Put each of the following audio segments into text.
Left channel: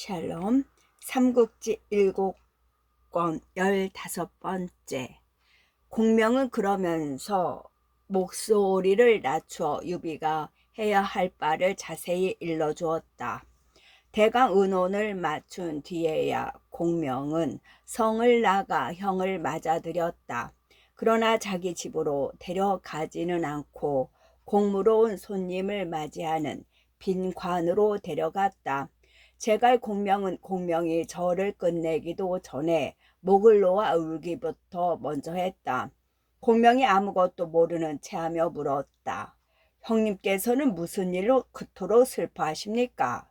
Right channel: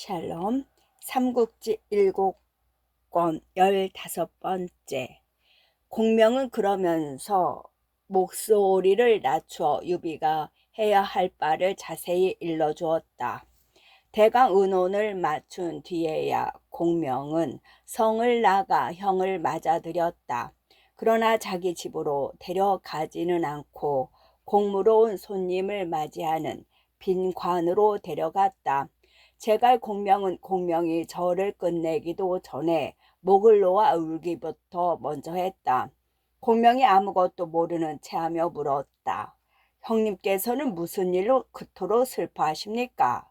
샬롬 삼국지 7권 15번째. 공명은 그러면서 목소리를 낮추어 유비가 해야 할 바를 자세히 일러주었다. 대강 의논을 마춘 뒤에야 공명은 성을 나가 형을 맞아들였다. 그러나 자기 집으로 데려가지는 않고 공무로 온 손님을 맞이하는 빈관으로 데려갔다. 제갈 공명은 공명이 절을 끝내기도 전에 목을 놓아 울기부터 먼저 했다. 공명이 아무것도 모르는 체하며 물었다. 형님께서는 무슨 일로 그토록 슬퍼하십니까?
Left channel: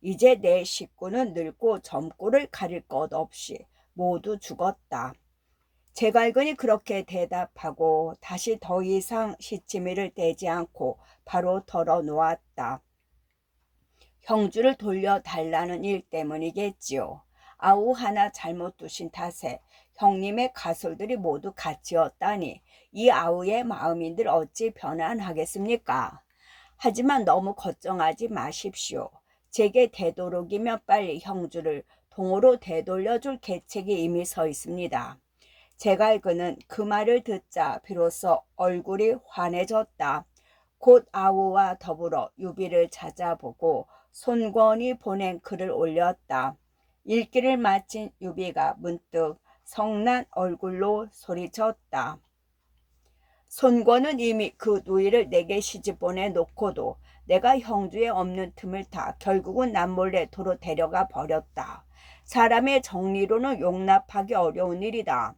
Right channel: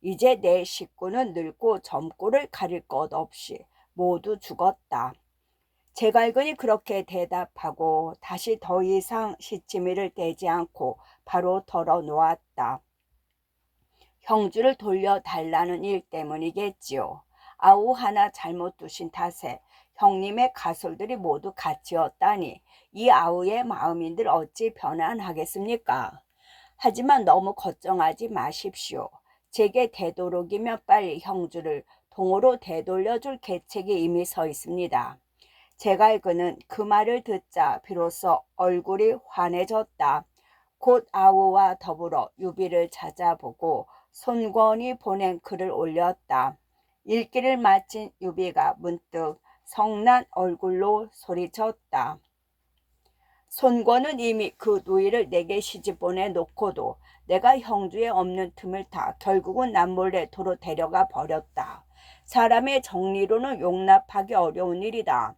이제 내 식구는 늙고 점꼬를 가릴 것 없이 모두 죽었다. 제갈근이 그렇게 대답하고 다시 더 이상 시치미를 떼지 않고 바로 털어놓았다. 형주를 돌려달라는 일 때문이겠지요. 아우 하나 잘못 두신 탓에 형님의 가솔들이 모두 갇히었다니 이 아우의 마음인들 어찌 변환하겠습니까? 하지만 너무 걱정하지 마십시오. 제게 되도록이면 빨리 형주를 동으로 되돌려줄 계책이 이미 서 있습니다. 제갈그는 그 말을 듣자 비로소 얼굴이 환해졌다. 곧 아우와 더불어 유비를 찾아보고 손권이 보낸 글을 올렸다. 읽기를 마친 유비가 문득 성난 얼굴로 소리쳤다. 손권은 이미 그 누이를 내게 시집 보내놓고도 내가 형주에 없는 틈을 타 결국은 남몰래 도로 데려가 버렸다. 사람의 정리로는 용납하기 어려운 일이다.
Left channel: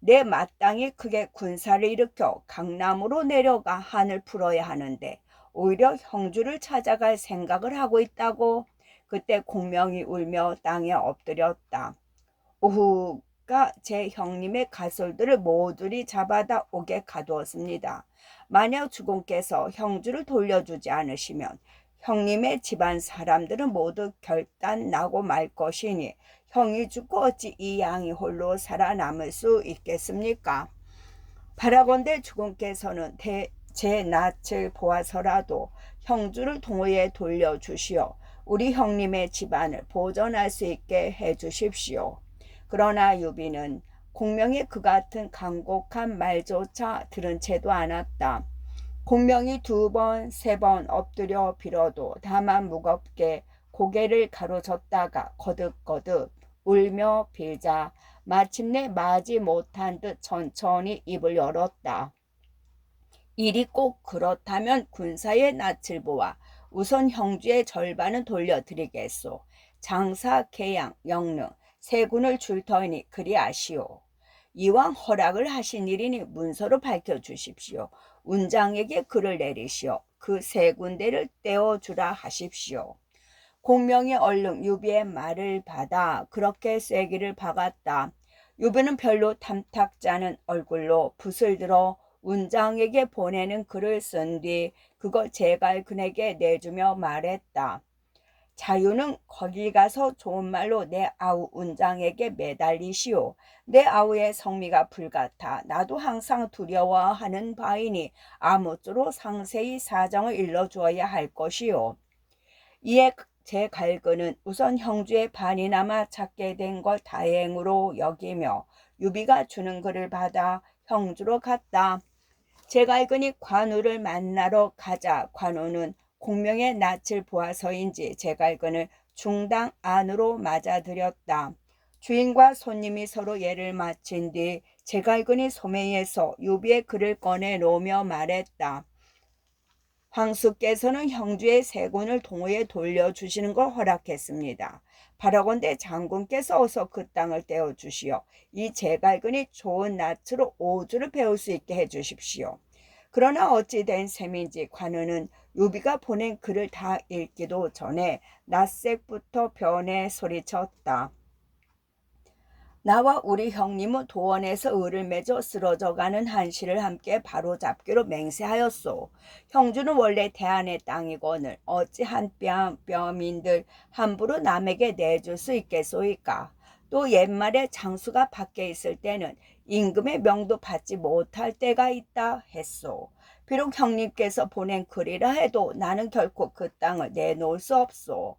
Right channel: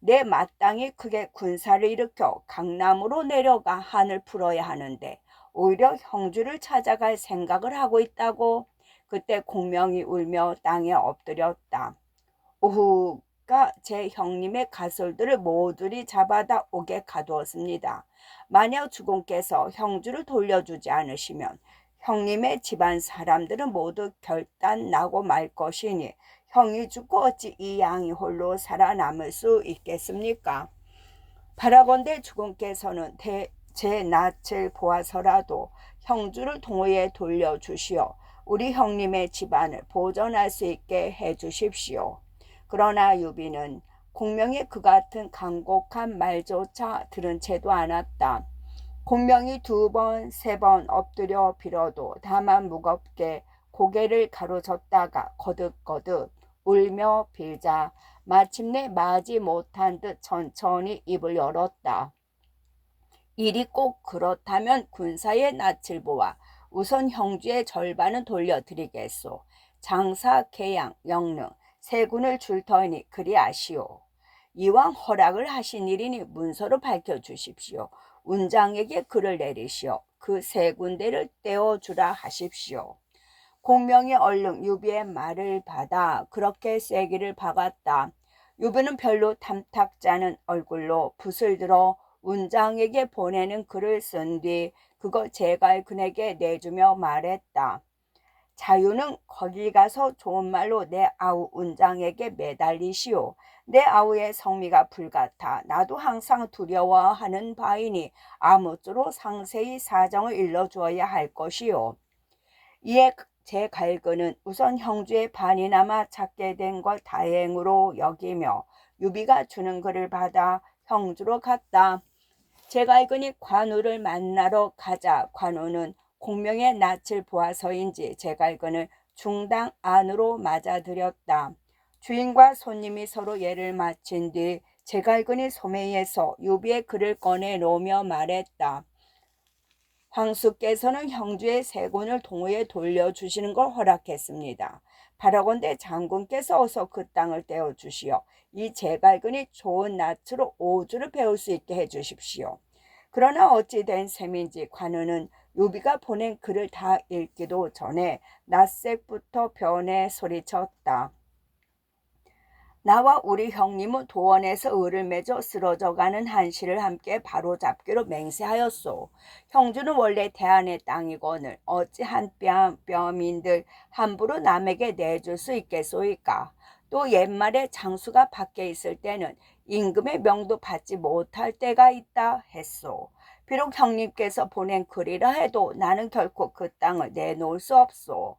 내 마땅히 크게 군사를 일으켜 강남으로 내려가 한을 풀어야 하는데 오히려 형주를 찾아갈 생각을 하고 있다고. 그때 공명이 울며 땅에 엎드렸다. 오후가 제 형님의 가솔들을 모조리 잡아다 옥에 가두었습니다. 만약 주공께서 형주를 돌려주지 않으시면 형님의 집안 사람들은 모두 결단 나고 말 것이니 형이 죽고 어찌 이 양이 홀로 살아남을 수 있겠습니까? 바라건대 주공께서는 제 낯을 보아서라도 형주를 동호에 돌려주시어 우리 형님의 집안을 보존할 수 있게 해주십시오. 그러나 유비는 공명이 그 같은 간곡한 말조차 들은 채도 않았다. 공명이 2번, 3번 엎드려 빌어도 다만 무겁게 고개를 가로젓다가 거듭거듭 울며 빌자 마침내 마지 못한 듯 천천히 입을 열었다. 일이 꼭 그렇다면 군사의 낯을 보아 우선 형주의 절반은 돌려드리겠소. 장사, 계양, 영릉 세 군을 줄 터이니 그리 아시오. 이왕 허락을 하신 일이니 문서로 밝혀주십시오. 운장에게 글을 내리시어 그 세 군데를 떼어주라 하십시오. 공명이 얼른 유비의 말을 받아 그렇게 쐐기를 박았다. 유비는 별로 탐탁지 않은 얼굴로 붓을 들어 운장에게 보내는 글을 쓴 뒤 그거 제갈근에게 내주며 말했다. 자유는 거기 가서 좋은 말로 내 아우 운장에게 매달리시오. 내 아우의 성미가 불같아 나도 항상 두려워하는 바이니 아무쪼록 상세히 사정을 일러주어야 할 것이오. 이에 제 갈근은 우선 형주의 반이나마 찾게 된 걸 다행으로 여기며 유비가 주는 글을 받아 형주로 갔다. 제 갈근이 관우를 만나러 가자 관우는 공명의 낯을 보아서인지 제 갈근을 중당 안으로 맞아들였다. 주인과 손님이 서로 예를 마친 뒤 제 갈근이 소매에서 유비의 글을 꺼내 놓으며 말했다. 황수께서는 형주의 세 군을 동호에 돌려주시는 걸 허락했습니다. 바라건대 장군께서 어서 그 땅을 떼어주시어 이 제갈근이 좋은 낯으로 오주를 배울 수 있게 해주십시오. 그러나 어찌 된 셈인지 관우는 유비가 보낸 글을 다 읽기도 전에 낯색부터 변해 소리쳤다. 나와 우리 형님은 도원에서 을을 맺어 쓰러져가는 한시를 함께 바로잡기로 맹세하였소. 형주는 원래 대한의 땅이거늘 어찌 한 뼘뼘인들 함부로 남에게 내줄 수 있겠소이까. 또 옛말에 장수가 밖에 있을 때는 임금의 명도 받지 못할 때가 있다 했소. 비록 형님께서 보낸 글이라 해도 나는 결코 그 땅을 내놓을 수 없소.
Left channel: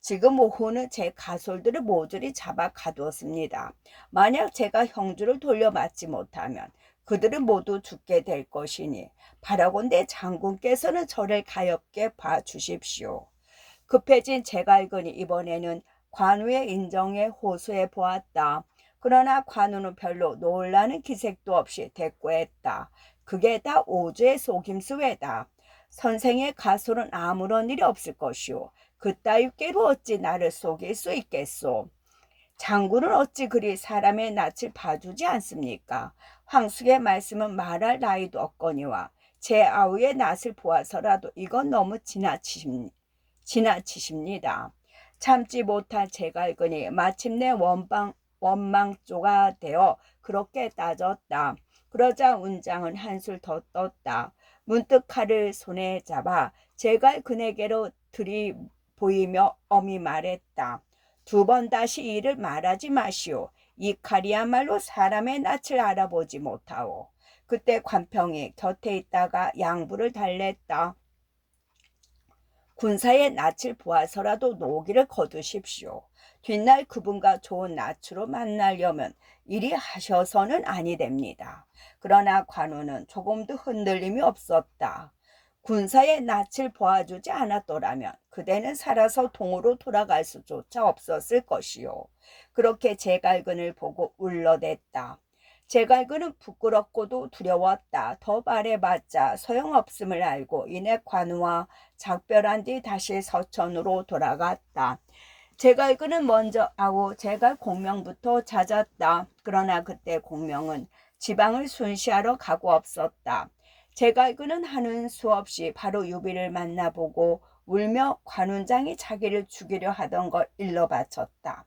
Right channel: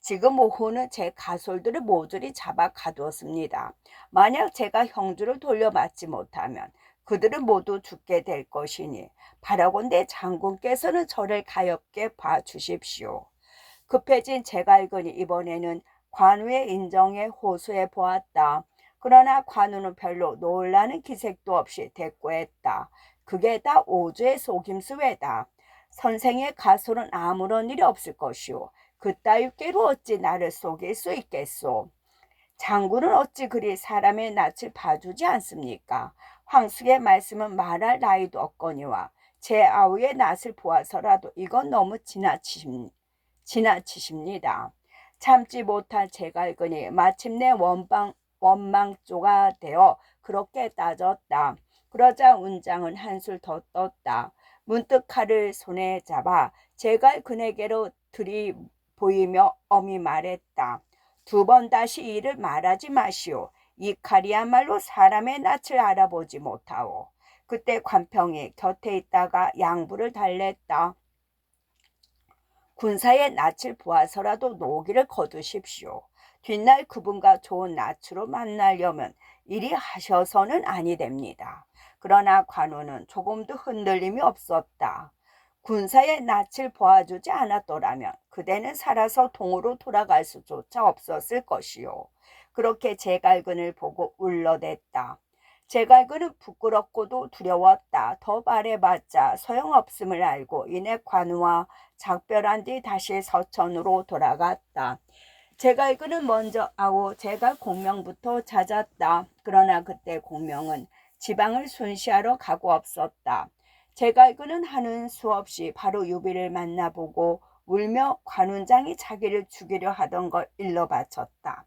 지금 오후는 제 가솔들을 모조리 잡아 가두었습니다. 만약 제가 형주를 돌려받지 못하면 그들은 모두 죽게 될 것이니 바라건대 장군께서는 저를 가엾게 봐주십시오. 급해진 제갈근이 이번에는 관우의 인정에 호소해 보았다. 그러나 관우는 별로 놀라는 기색도 없이 대꾸했다. 그게 다 오주의 속임수 외다. 선생의 가솔은 아무런 일이 없을 것이오. 그따위 꾀로 어찌 나를 속일 수 있겠소. 장군은 어찌 그리 사람의 낯을 봐주지 않습니까? 황숙의 말씀은 말할 나위도 없거니와 제 아우의 낯을 보아서라도 이건 너무 지나치십니다. 참지 못한 제갈근이 마침내 원망조가 되어 그렇게 따졌다. 그러자 운장은 한술 더 떴다. 문득 칼을 손에 잡아 제갈근에게로 들이보이며 엄히 말했다. 두 번 다시 이 일을 말하지 마시오. 이 칼이야말로 사람의 낯을 알아보지 못하오. 그때 관평이 곁에 있다가 양부를 달랬다. 군사의 낯을 보아서라도 노기를 거두십시오. 뒷날 그분과 좋은 낯으로 만나려면 이리 하셔서는 아니 됩니다. 그러나 관우는 조금도 흔들림이 없었다. 군사의 낯을 보아주지 않았더라면 그대는 살아서 동으로 돌아갈 수조차 없었을 것이요. 그렇게 제갈근을 보고 울러댔다. 제갈근은 부끄럽고도 두려웠다. 더 말해봤자 소용없음을 알고 이내 관우와 작별한 뒤 다시 서천으로 돌아갔다. 제갈근은 먼저 제갈 공명부터 찾았다. 그러나 그때 공명은 지방을 순시하러 가고 없었다. 제갈근은 하는 수 없이 바로 유비를 만나보고 울며 관운장이 자기를 죽이려 하던 걸 일러 바쳤다.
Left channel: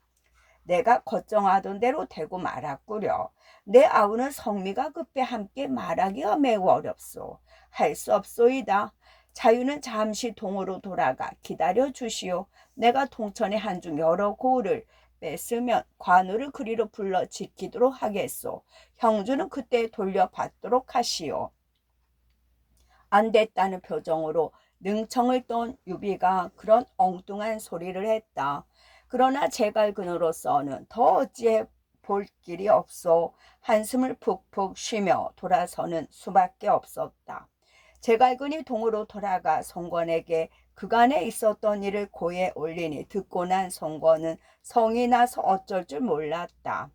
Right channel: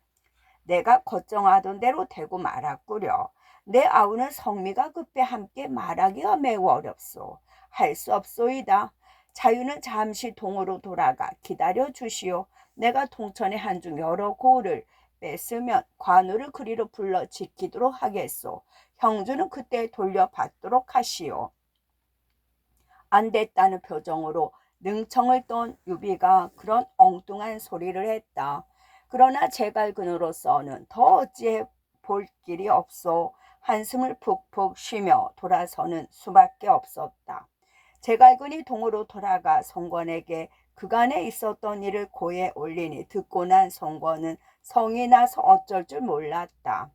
내가 걱정하던 대로 되고 말았구려. 내 아우는 성미가 급해 함께 말하기가 매우 어렵소. 할 수 없소이다. 자유는 잠시 동으로 돌아가 기다려 주시오. 내가 동천의 한중 여러 고을을 뺐으면 관우를 그리로 불러 지키도록 하겠소. 형주는 그때 돌려받도록 하시오. 안 됐다는 표정으로 능청을 떤 유비가 그런 엉뚱한 소리를 했다. 그러나 제갈근으로서는 더 어찌해 볼 길이 없어 한숨을 푹푹 쉬며 돌아서는 수밖에 없었다. 제갈근이 동으로 돌아가 송건에게 그간에 있었던 일을 고에 올리니 듣고 난 송건은 성이 나서 어쩔 줄 몰랐다.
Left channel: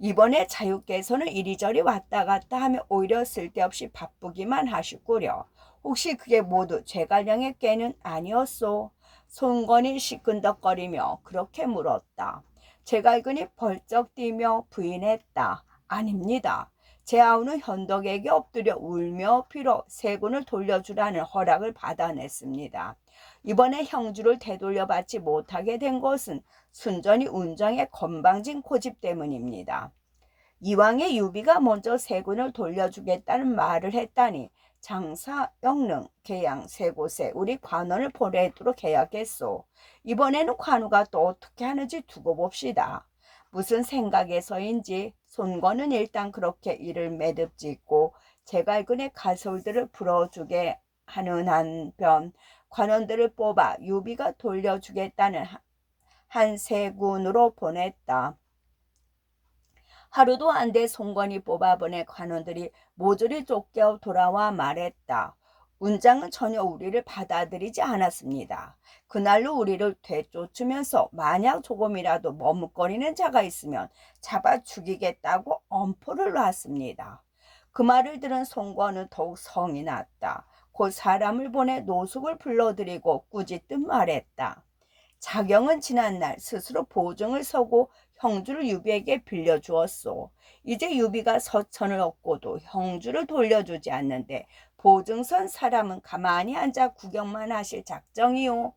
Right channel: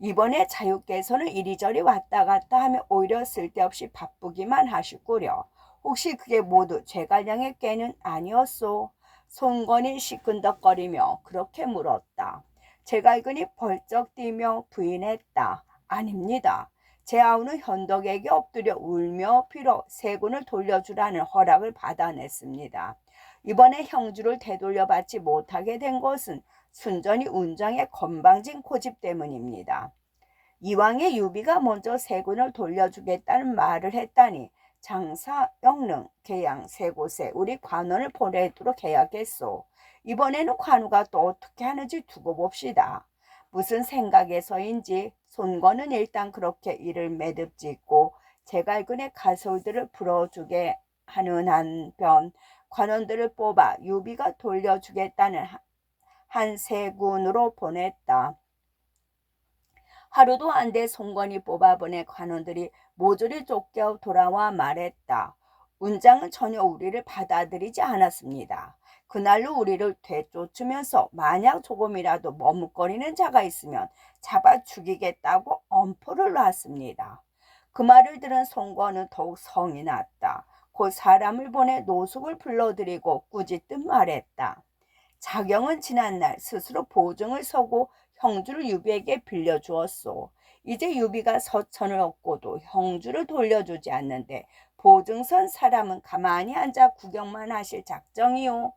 이번에 자유께서는 이리저리 왔다 갔다 하며 오히려 쓸데없이 바쁘기만 하시구려. 혹시 그게 모두 제갈량의 꾀는 아니었소? 송건이 시큰덕거리며 그렇게 물었다. 제갈근이 벌쩍 뛰며 부인했다. 아닙니다. 제 아우는 현덕에게 엎드려 울며 빌어 세군을 돌려주라는 허락을 받아냈습니다. 이번에 형주를 되돌려받지 못하게 된 것은 순전히 운정의 건방진 고집 때문입니다. 이왕에 유비가 먼저 세군을 돌려주겠다는 말을 했다니 장사, 영릉, 계양 세 곳에 우리 관원을 보내도록 해야겠소. 이번에는 관우가 또 어떻게 하는지 두고 봅시다. 무슨 생각에서인지 손권은 일단 그렇게 이를 매듭짓고 제갈근의 가솔들을 풀어주게 하는 한편 관원들을 뽑아 유비가 돌려주겠다는 한 세군으로 보냈다. 하루도 안 돼 송건이 뽑아보내 관원들이 모조리 쫓겨 돌아와 말했다. 운장은 전혀 우리를 받아들이지 않았습니다. 그날로 우리를 되쫓으면서 만약 조금이라도 머뭇거리는 자가 있으면 잡아 죽이겠다고 엄포를 놨습니다. 그 말을 들은 송건은 더욱 성이 났다. 곧 사람을 보내 노숙을 불러들이고 꾸짖듯 말했다. 자경은 지난날 스스로 보증을 서고 형주를 유비에게 빌려주었소. 이제 유비가 서천을 얻고도 형주를 돌려주지 않는데 보증선 사람은 가만히 앉아 구경만 하실 작정이오.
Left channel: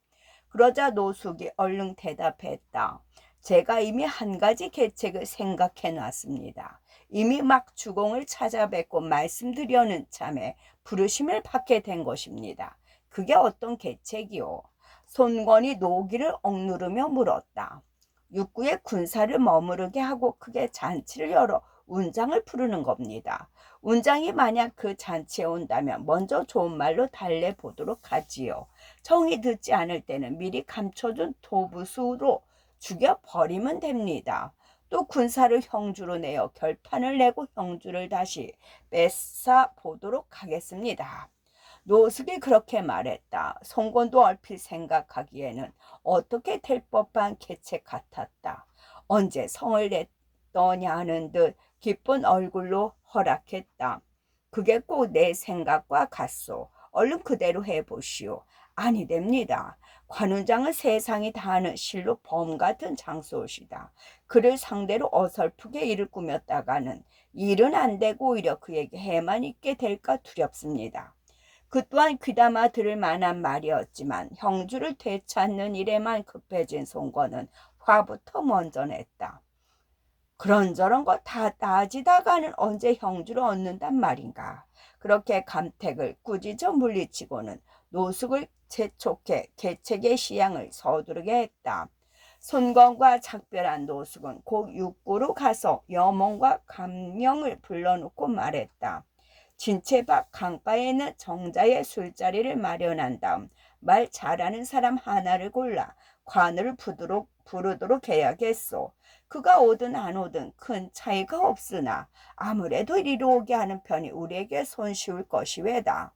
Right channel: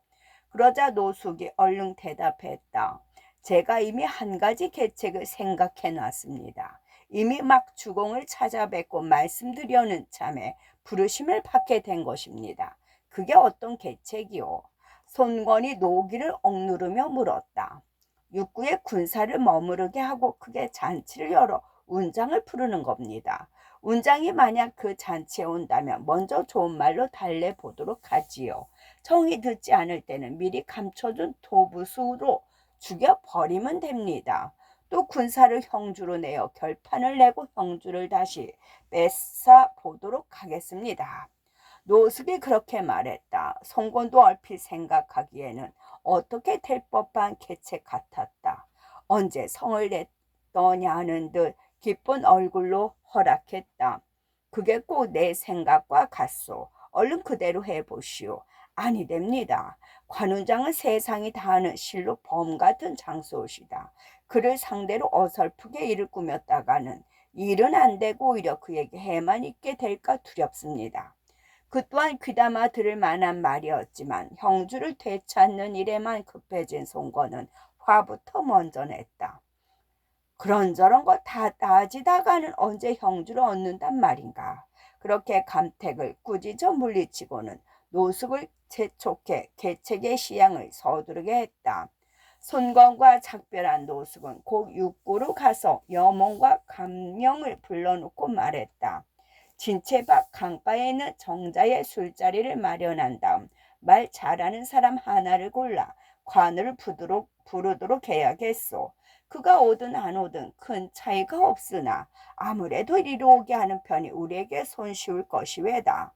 그러자 노숙이 얼른 대답했다. 제가 이미 한 가지 계책을 생각해 놨습니다. 이미 막 주공을 찾아뵙고 말씀드려는 참에 부르심을 받게 된 것입니다. 그게 어떤 계책이오? 손권이 노기를 억누르며 물었다. 육구의 군사를 머무르게 하고 크게 잔치를 열어 운장을 부르는 겁니다. 운장이 만약 그 잔치에 온다면 먼저 좋은 말로 달래보도록 하지요. 정이 듣지 않을 때는 미리 감춰둔 도부수로 죽여버리면 됩니다. 또 군사를 형주로 내어 결판을 내고 형주를 다시 뺏어 보도록 하겠습니다. 노숙이 그렇게 말했다. 송건도 얼핏 생각하기에는 어떻게 될 법한 계책 같았다. 언제 성을 냈더냐는 듯 기쁜 얼굴로 허락했다. 그게 꼭 내 생각과 같소. 얼른 그대로 해보시오. 아니 됩니다. 관훈장은 세상이 다 아는 실로 범 같은 장소시다. 그를 상대로 어설프게 일을 꾸몄다가는 일은 안 되고 오히려 그에게 해만 있게 될까 두렵습니다. 그 또한 귀담아 들을 만한 말이었지만 형주를 되찾는 일에만 급해진 송건은 화부터 먼저 냈다. 그런저런 거 다 따지다가는 언제 형주를 얻는단 말인가. 그렇게 감택을 꾸짖어 물리치고는 노숙을 재촉해 계책의 시향을 서두르게 했다. 손건과 작별한 노숙은 곧 육고로 가서 여몽과 감령을 불러놓고 말했다. 진채 밖 강가에 있는 정자의 술자리를 마련한 다음 말 잘하는 사람 하나를 골라 관을 부르도록 해야겠소. 그가 오든 안 오든 큰 차이가 없으나 아무래도 이리 오게 하는 편이 우리에게 손쉬울 것이외다.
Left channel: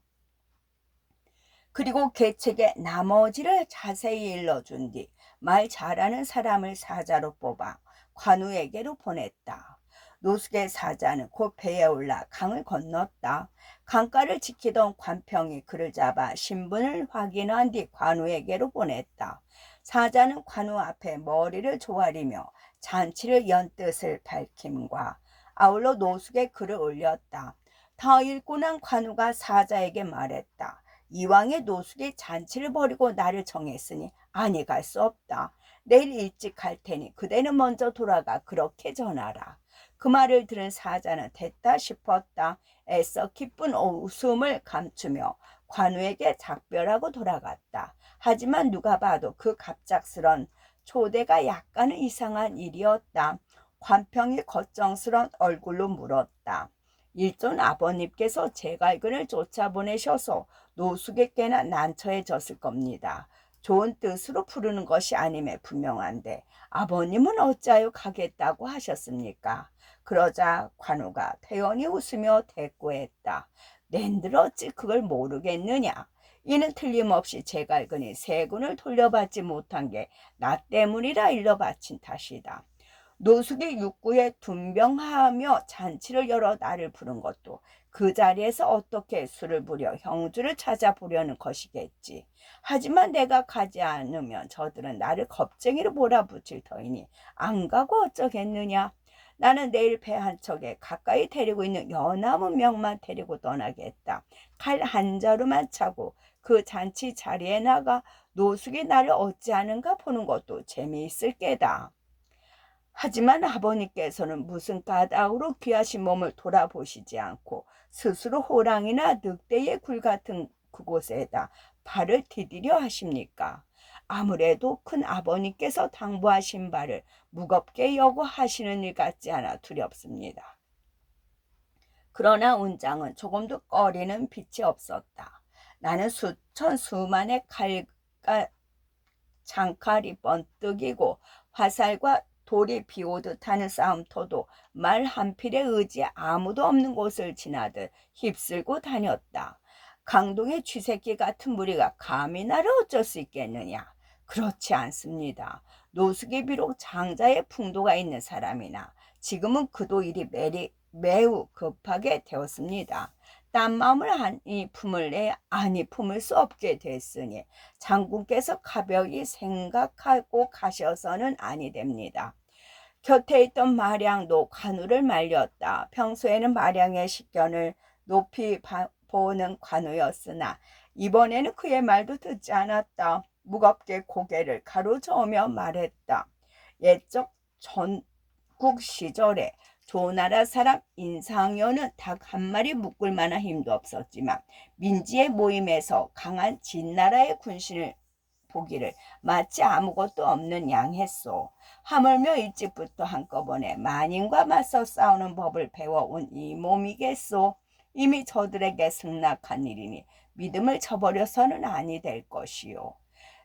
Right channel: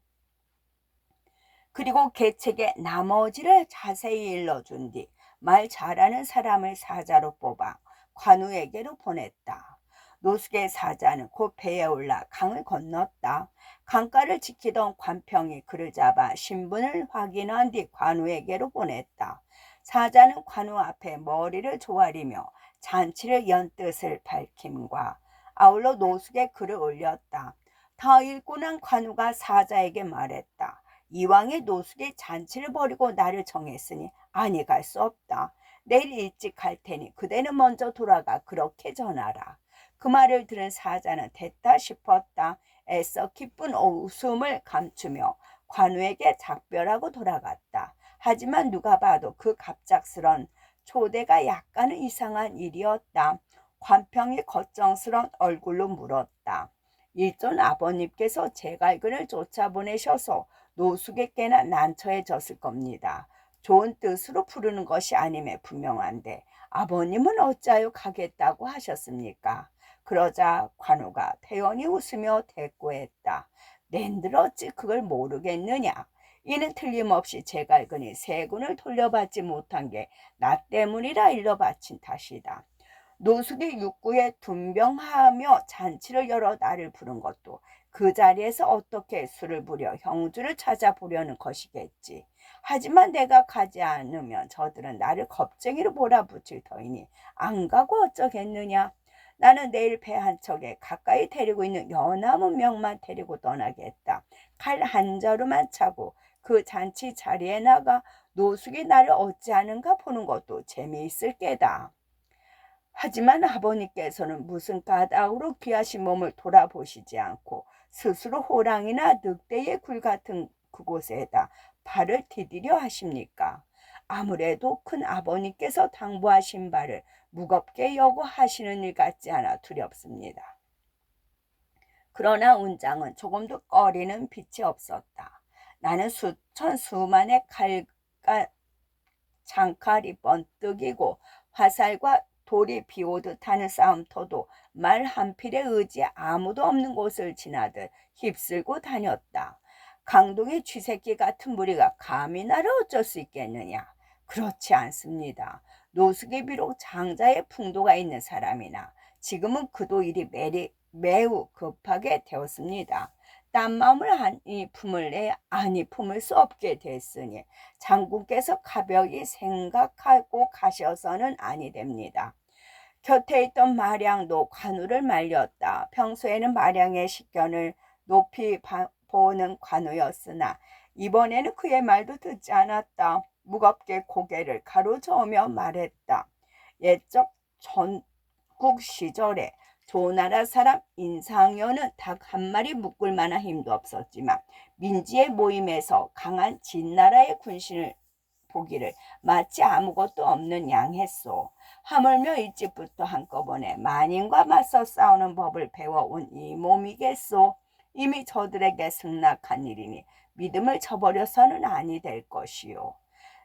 그리고 계책의 나머지를 자세히 일러준 뒤 말 잘하는 사람을 사자로 뽑아 관우에게로 보냈다. 노숙의 사자는 곧 배에 올라 강을 건넜다. 강가를 지키던 관평이 그를 잡아 신분을 확인한 뒤 관우에게로 보냈다. 사자는 관우 앞에 머리를 조아리며 잔치를 연 뜻을 밝힘과 아울러 노숙의 글을 올렸다. 다 읽고 난 관우가 사자에게 말했다. 이왕에 노숙이 잔치를 벌이고 나를 정했으니 아니 갈 수 없다. 내일 일찍 갈 테니 그대는 먼저 돌아가 그렇게 전하라. 그 말을 들은 사자는 됐다 싶었다. 애써 기쁜 웃음을 감추며 관우에게 작별하고 돌아갔다. 하지만 누가 봐도 그 갑작스런 초대가 약간은 이상한 일이었다. 관평이 걱정스런 얼굴로 물었다. 일존 아버님께서 제갈근을 쫓아보내셔서 노숙에게나 난처해졌을 겁니다. 좋은 뜻으로 부르는 것이 아님에 분명한데 아버님은 어찌하여 가겠다고 하셨습니까? 그러자 관우가 태연히 웃으며 대꾸했다. 낸들 어찌 그걸 모르겠느냐? 이는 틀림없이 제갈근이 세군을 돌려받지 못한 게 나 때문이라 일러 바친 탓이다. 노숙이 육구에 둔병하며 잔치를 열어 나를 부른 것도 그 자리에서 어떻게 술을 부려 형주를 찾아보려는 것이겠지. 하지만 내가 가지 않으면 저들은 나를 겁쟁이로 몰아붙일 터이니 안 가고 어쩌겠느냐. 나는 내일 배 한 척에 가까이 데리고 있는 연암은 명만 데리고 떠나겠다. 칼 한 자루만 차고 그 잔치 자리에 나가 노숙이 나를 어찌하는가 보는 것도 재미있을 게다. 하지만 아버님께서는 무슨 까닭으로 귀하신 몸을 돌아보시지 않고 스스로 호랑이나 늑대의 굴 같은 그곳에다 발을 디디려 하십니까? 아무래도 큰 아버님께서 당부하신 바를 무겁게 여고 하시는 일 같지 않아 두렵습니다. 그러나 운장은 조금도 꺼리는 빛이 없었다. 나는 수천 수만의 칼과 장칼이 번뜩이고 화살과 돌이 비오듯 하는 싸움터도 말 한 필에 의지 아무도 없는 곳을 지나듯 휩쓸고 다녔다. 강동의 쥐새끼 같은 무리가 감히 나를 어쩔 수 있겠느냐? 그렇지 않습니다. 노숙이 비록 장자의 풍도가 있는 사람이나 지금은 그도 일이 매우 급하게 되었습니다. 딴 마음을 아니 품을 내 아니 품을 수 없게 됐으니 장군께서 가벼이 생각하고 가셔서는 아니 됩니다. 곁에 있던 마량도 관우를 말렸다. 평소에는 마량의 식견을 높이 보는 관우였으나 이번에는 그의 말도 듣지 않았다. 무겁게 고개를 가로저으며 말했다. 옛적 전국 시절에 조나라 사람 인상여는 닭 한 마리 묶을 만한 힘도 없었지만 민지의 모임에서 강한 진나라의 군신을 보기를 마치 아무것도 없는 양했소. 하물며 일찍부터 한꺼번에 만인과 맞서 싸우는 법을 배워온 이 몸이겠소. 이미 저들에게 승낙한 일이니 믿음을 저버려서는 아니 될 것이요.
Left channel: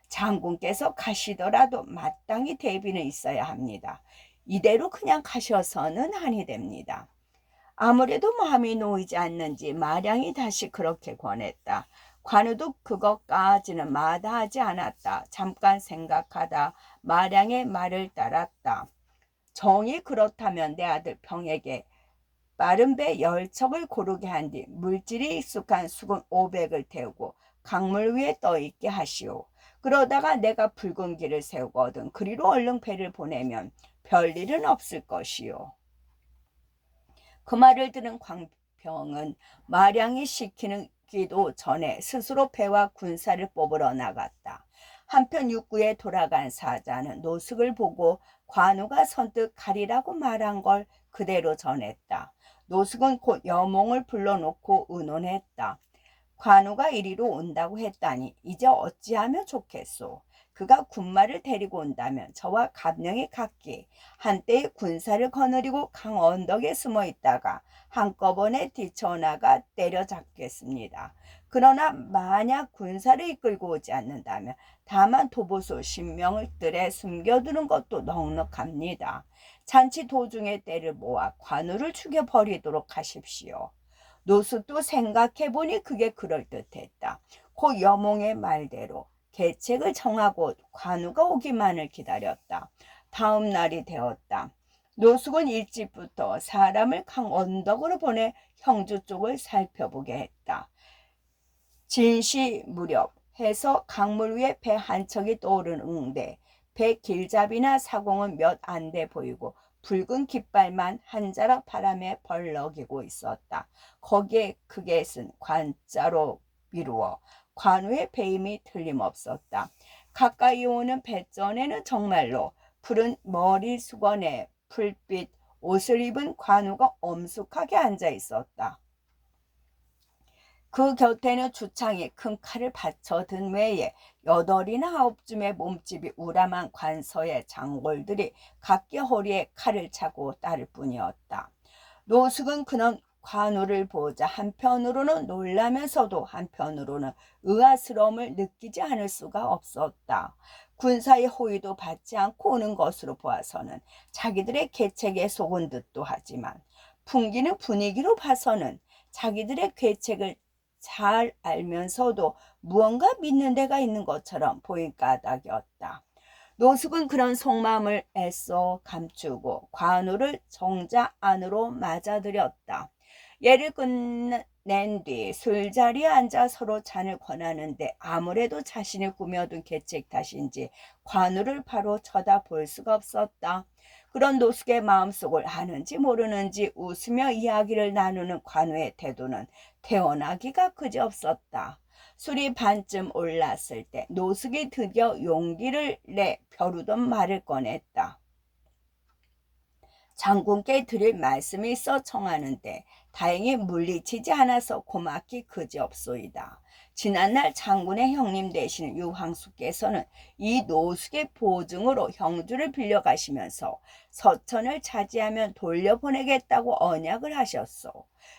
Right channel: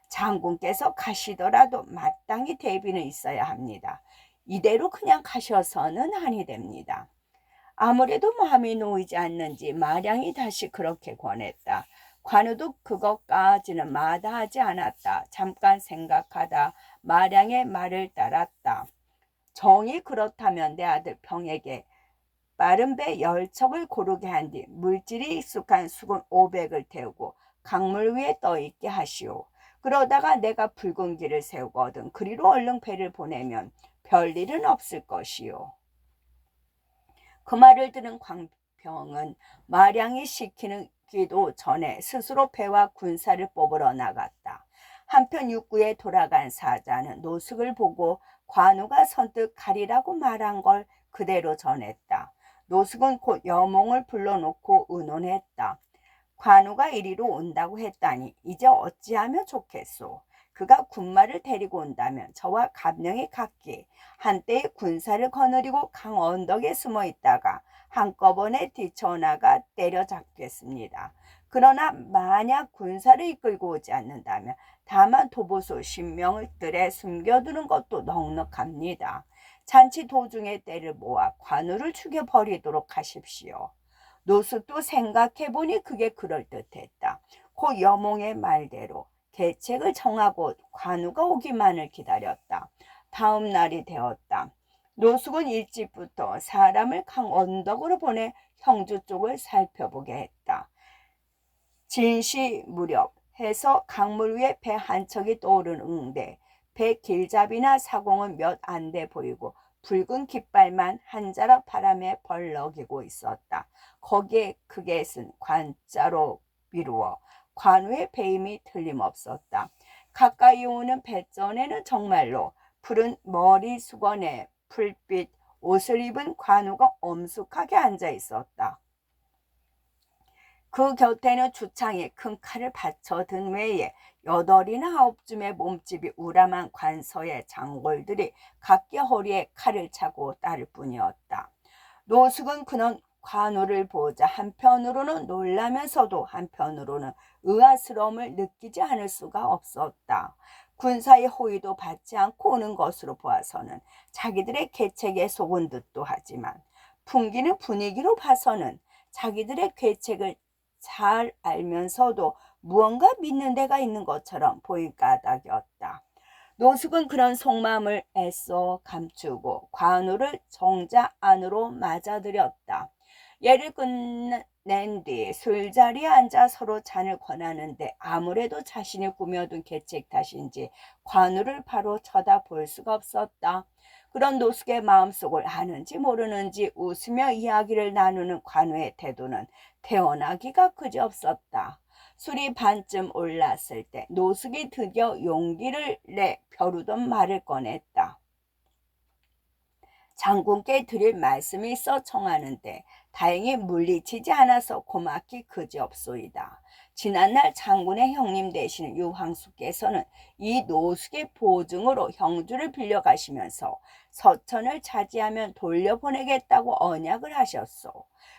장군께서 가시더라도 마땅히 대비는 있어야 합니다. 이대로 그냥 가셔서는 아니 됩니다. 아무래도 마음이 놓이지 않는지 마량이 다시 그렇게 권했다. 관우도 그것까지는 마다하지 않았다. 잠깐 생각하다 마량의 말을 따랐다. 정이 그렇다면 내 아들 병에게 빠른 배 10척을 고르게 한 뒤 물질이 익숙한 수군 500을 태우고 강물 위에 떠 있게 하시오. 그러다가 내가 붉은 길을 세우거든 그리로 얼른 배를 보내면 별일은 없을 것이요. 그 말을 들은 광병은 마량이 시키기도 전에 스스로 배와 군사를 뽑으러 나갔다. 한편 육구에 돌아간 사자는 노숙을 보고 관우가 선뜻 가리라고 말한 걸 그대로 전했다. 노숙은 곧 여몽을 불러놓고 의논했다. 관우가 이리로 온다고 했다니 이제 어찌하면 좋겠소. 그가 군마를 데리고 온다면 저와 갑령이 각기 한때의 군사를 거느리고 강 언덕에 숨어 있다가 한꺼번에 뛰쳐나가 때려잡겠습니다. 그러나 만약 군사를 이끌고 오지 않는다면 다만 도보소 10명을 뜰에 숨겨두는 것도 넉넉합니다. 잔치 도중에 때를 모아 관우를 죽여버리도록 하십시오. 노숙도 생각해보니 그게 그럴듯했다. 고 여몽의 말대로 계책을 정하고 관우가 오기만을 기다렸다. 다음 날이 되었다. 노숙은 일찍부터 사람을 강 언덕으로 보내 형주 쪽을 살펴보게 했다. 진시 무렵 해서 강물 위에 배 한 척이 떠오르는데 배 길잡이나 사공은 몇 안 돼 보이고 붉은 깃발만 한 자락 바람에 벌럭이고 있었다. 거기에 크게 쓴 관자로 미루어 관우의 배임이 틀림없었다. 가까이 오는 배전에는 정말로 푸른 머리 수건에 풀빛 옷을 입은 관우가 엄숙하게 앉아 있었다. 그 곁에는 주창에 큰 칼을 받쳐든 외에 8이나 9쯤의 몸집이 우람한 관서의 장골들이 각기 허리에 칼을 차고 따를 뿐이었다. 노숙은 그는 관우를 보자 한편으로는 놀라면서도 한편으로는 의아스러움을 느끼지 않을 수가 없었다. 군사의 호의도 받지 않고 오는 것으로 보아서는 자기들의 계책에 속은 듯도 하지만 풍기는 분위기로 봐서는 자기들의 계책을 잘 알면서도 무언가 믿는 데가 있는 것처럼 보일 까닭이었다. 노숙은 그런 속마음을 애써 감추고 관우를 정자 안으로 맞아들였다. 예를 끝낸 뒤 술자리에 앉아 서로 잔을 권하는데 아무래도 자신이 꾸며둔 계책 탓인지 관우를 바로 쳐다볼 수가 없었다. 그런 노숙의 마음속을 아는지 모르는지 웃으며 이야기를 나누는 관우의 태도는 태어나기가 그지없었다. 술이 반쯤 올랐을 때 노숙이 드디어 용기를 내 벼르던 말을 꺼냈다. 장군께 드릴 말씀이 있어 청하는데 다행히 물리치지 않아서 고맙기 그지없소이다. 지난날 장군의 형님 되시는 유황수께서는 이 노숙의 보증으로 형주를 빌려가시면서 서천을 차지하면 돌려보내겠다고 언약을 하셨소.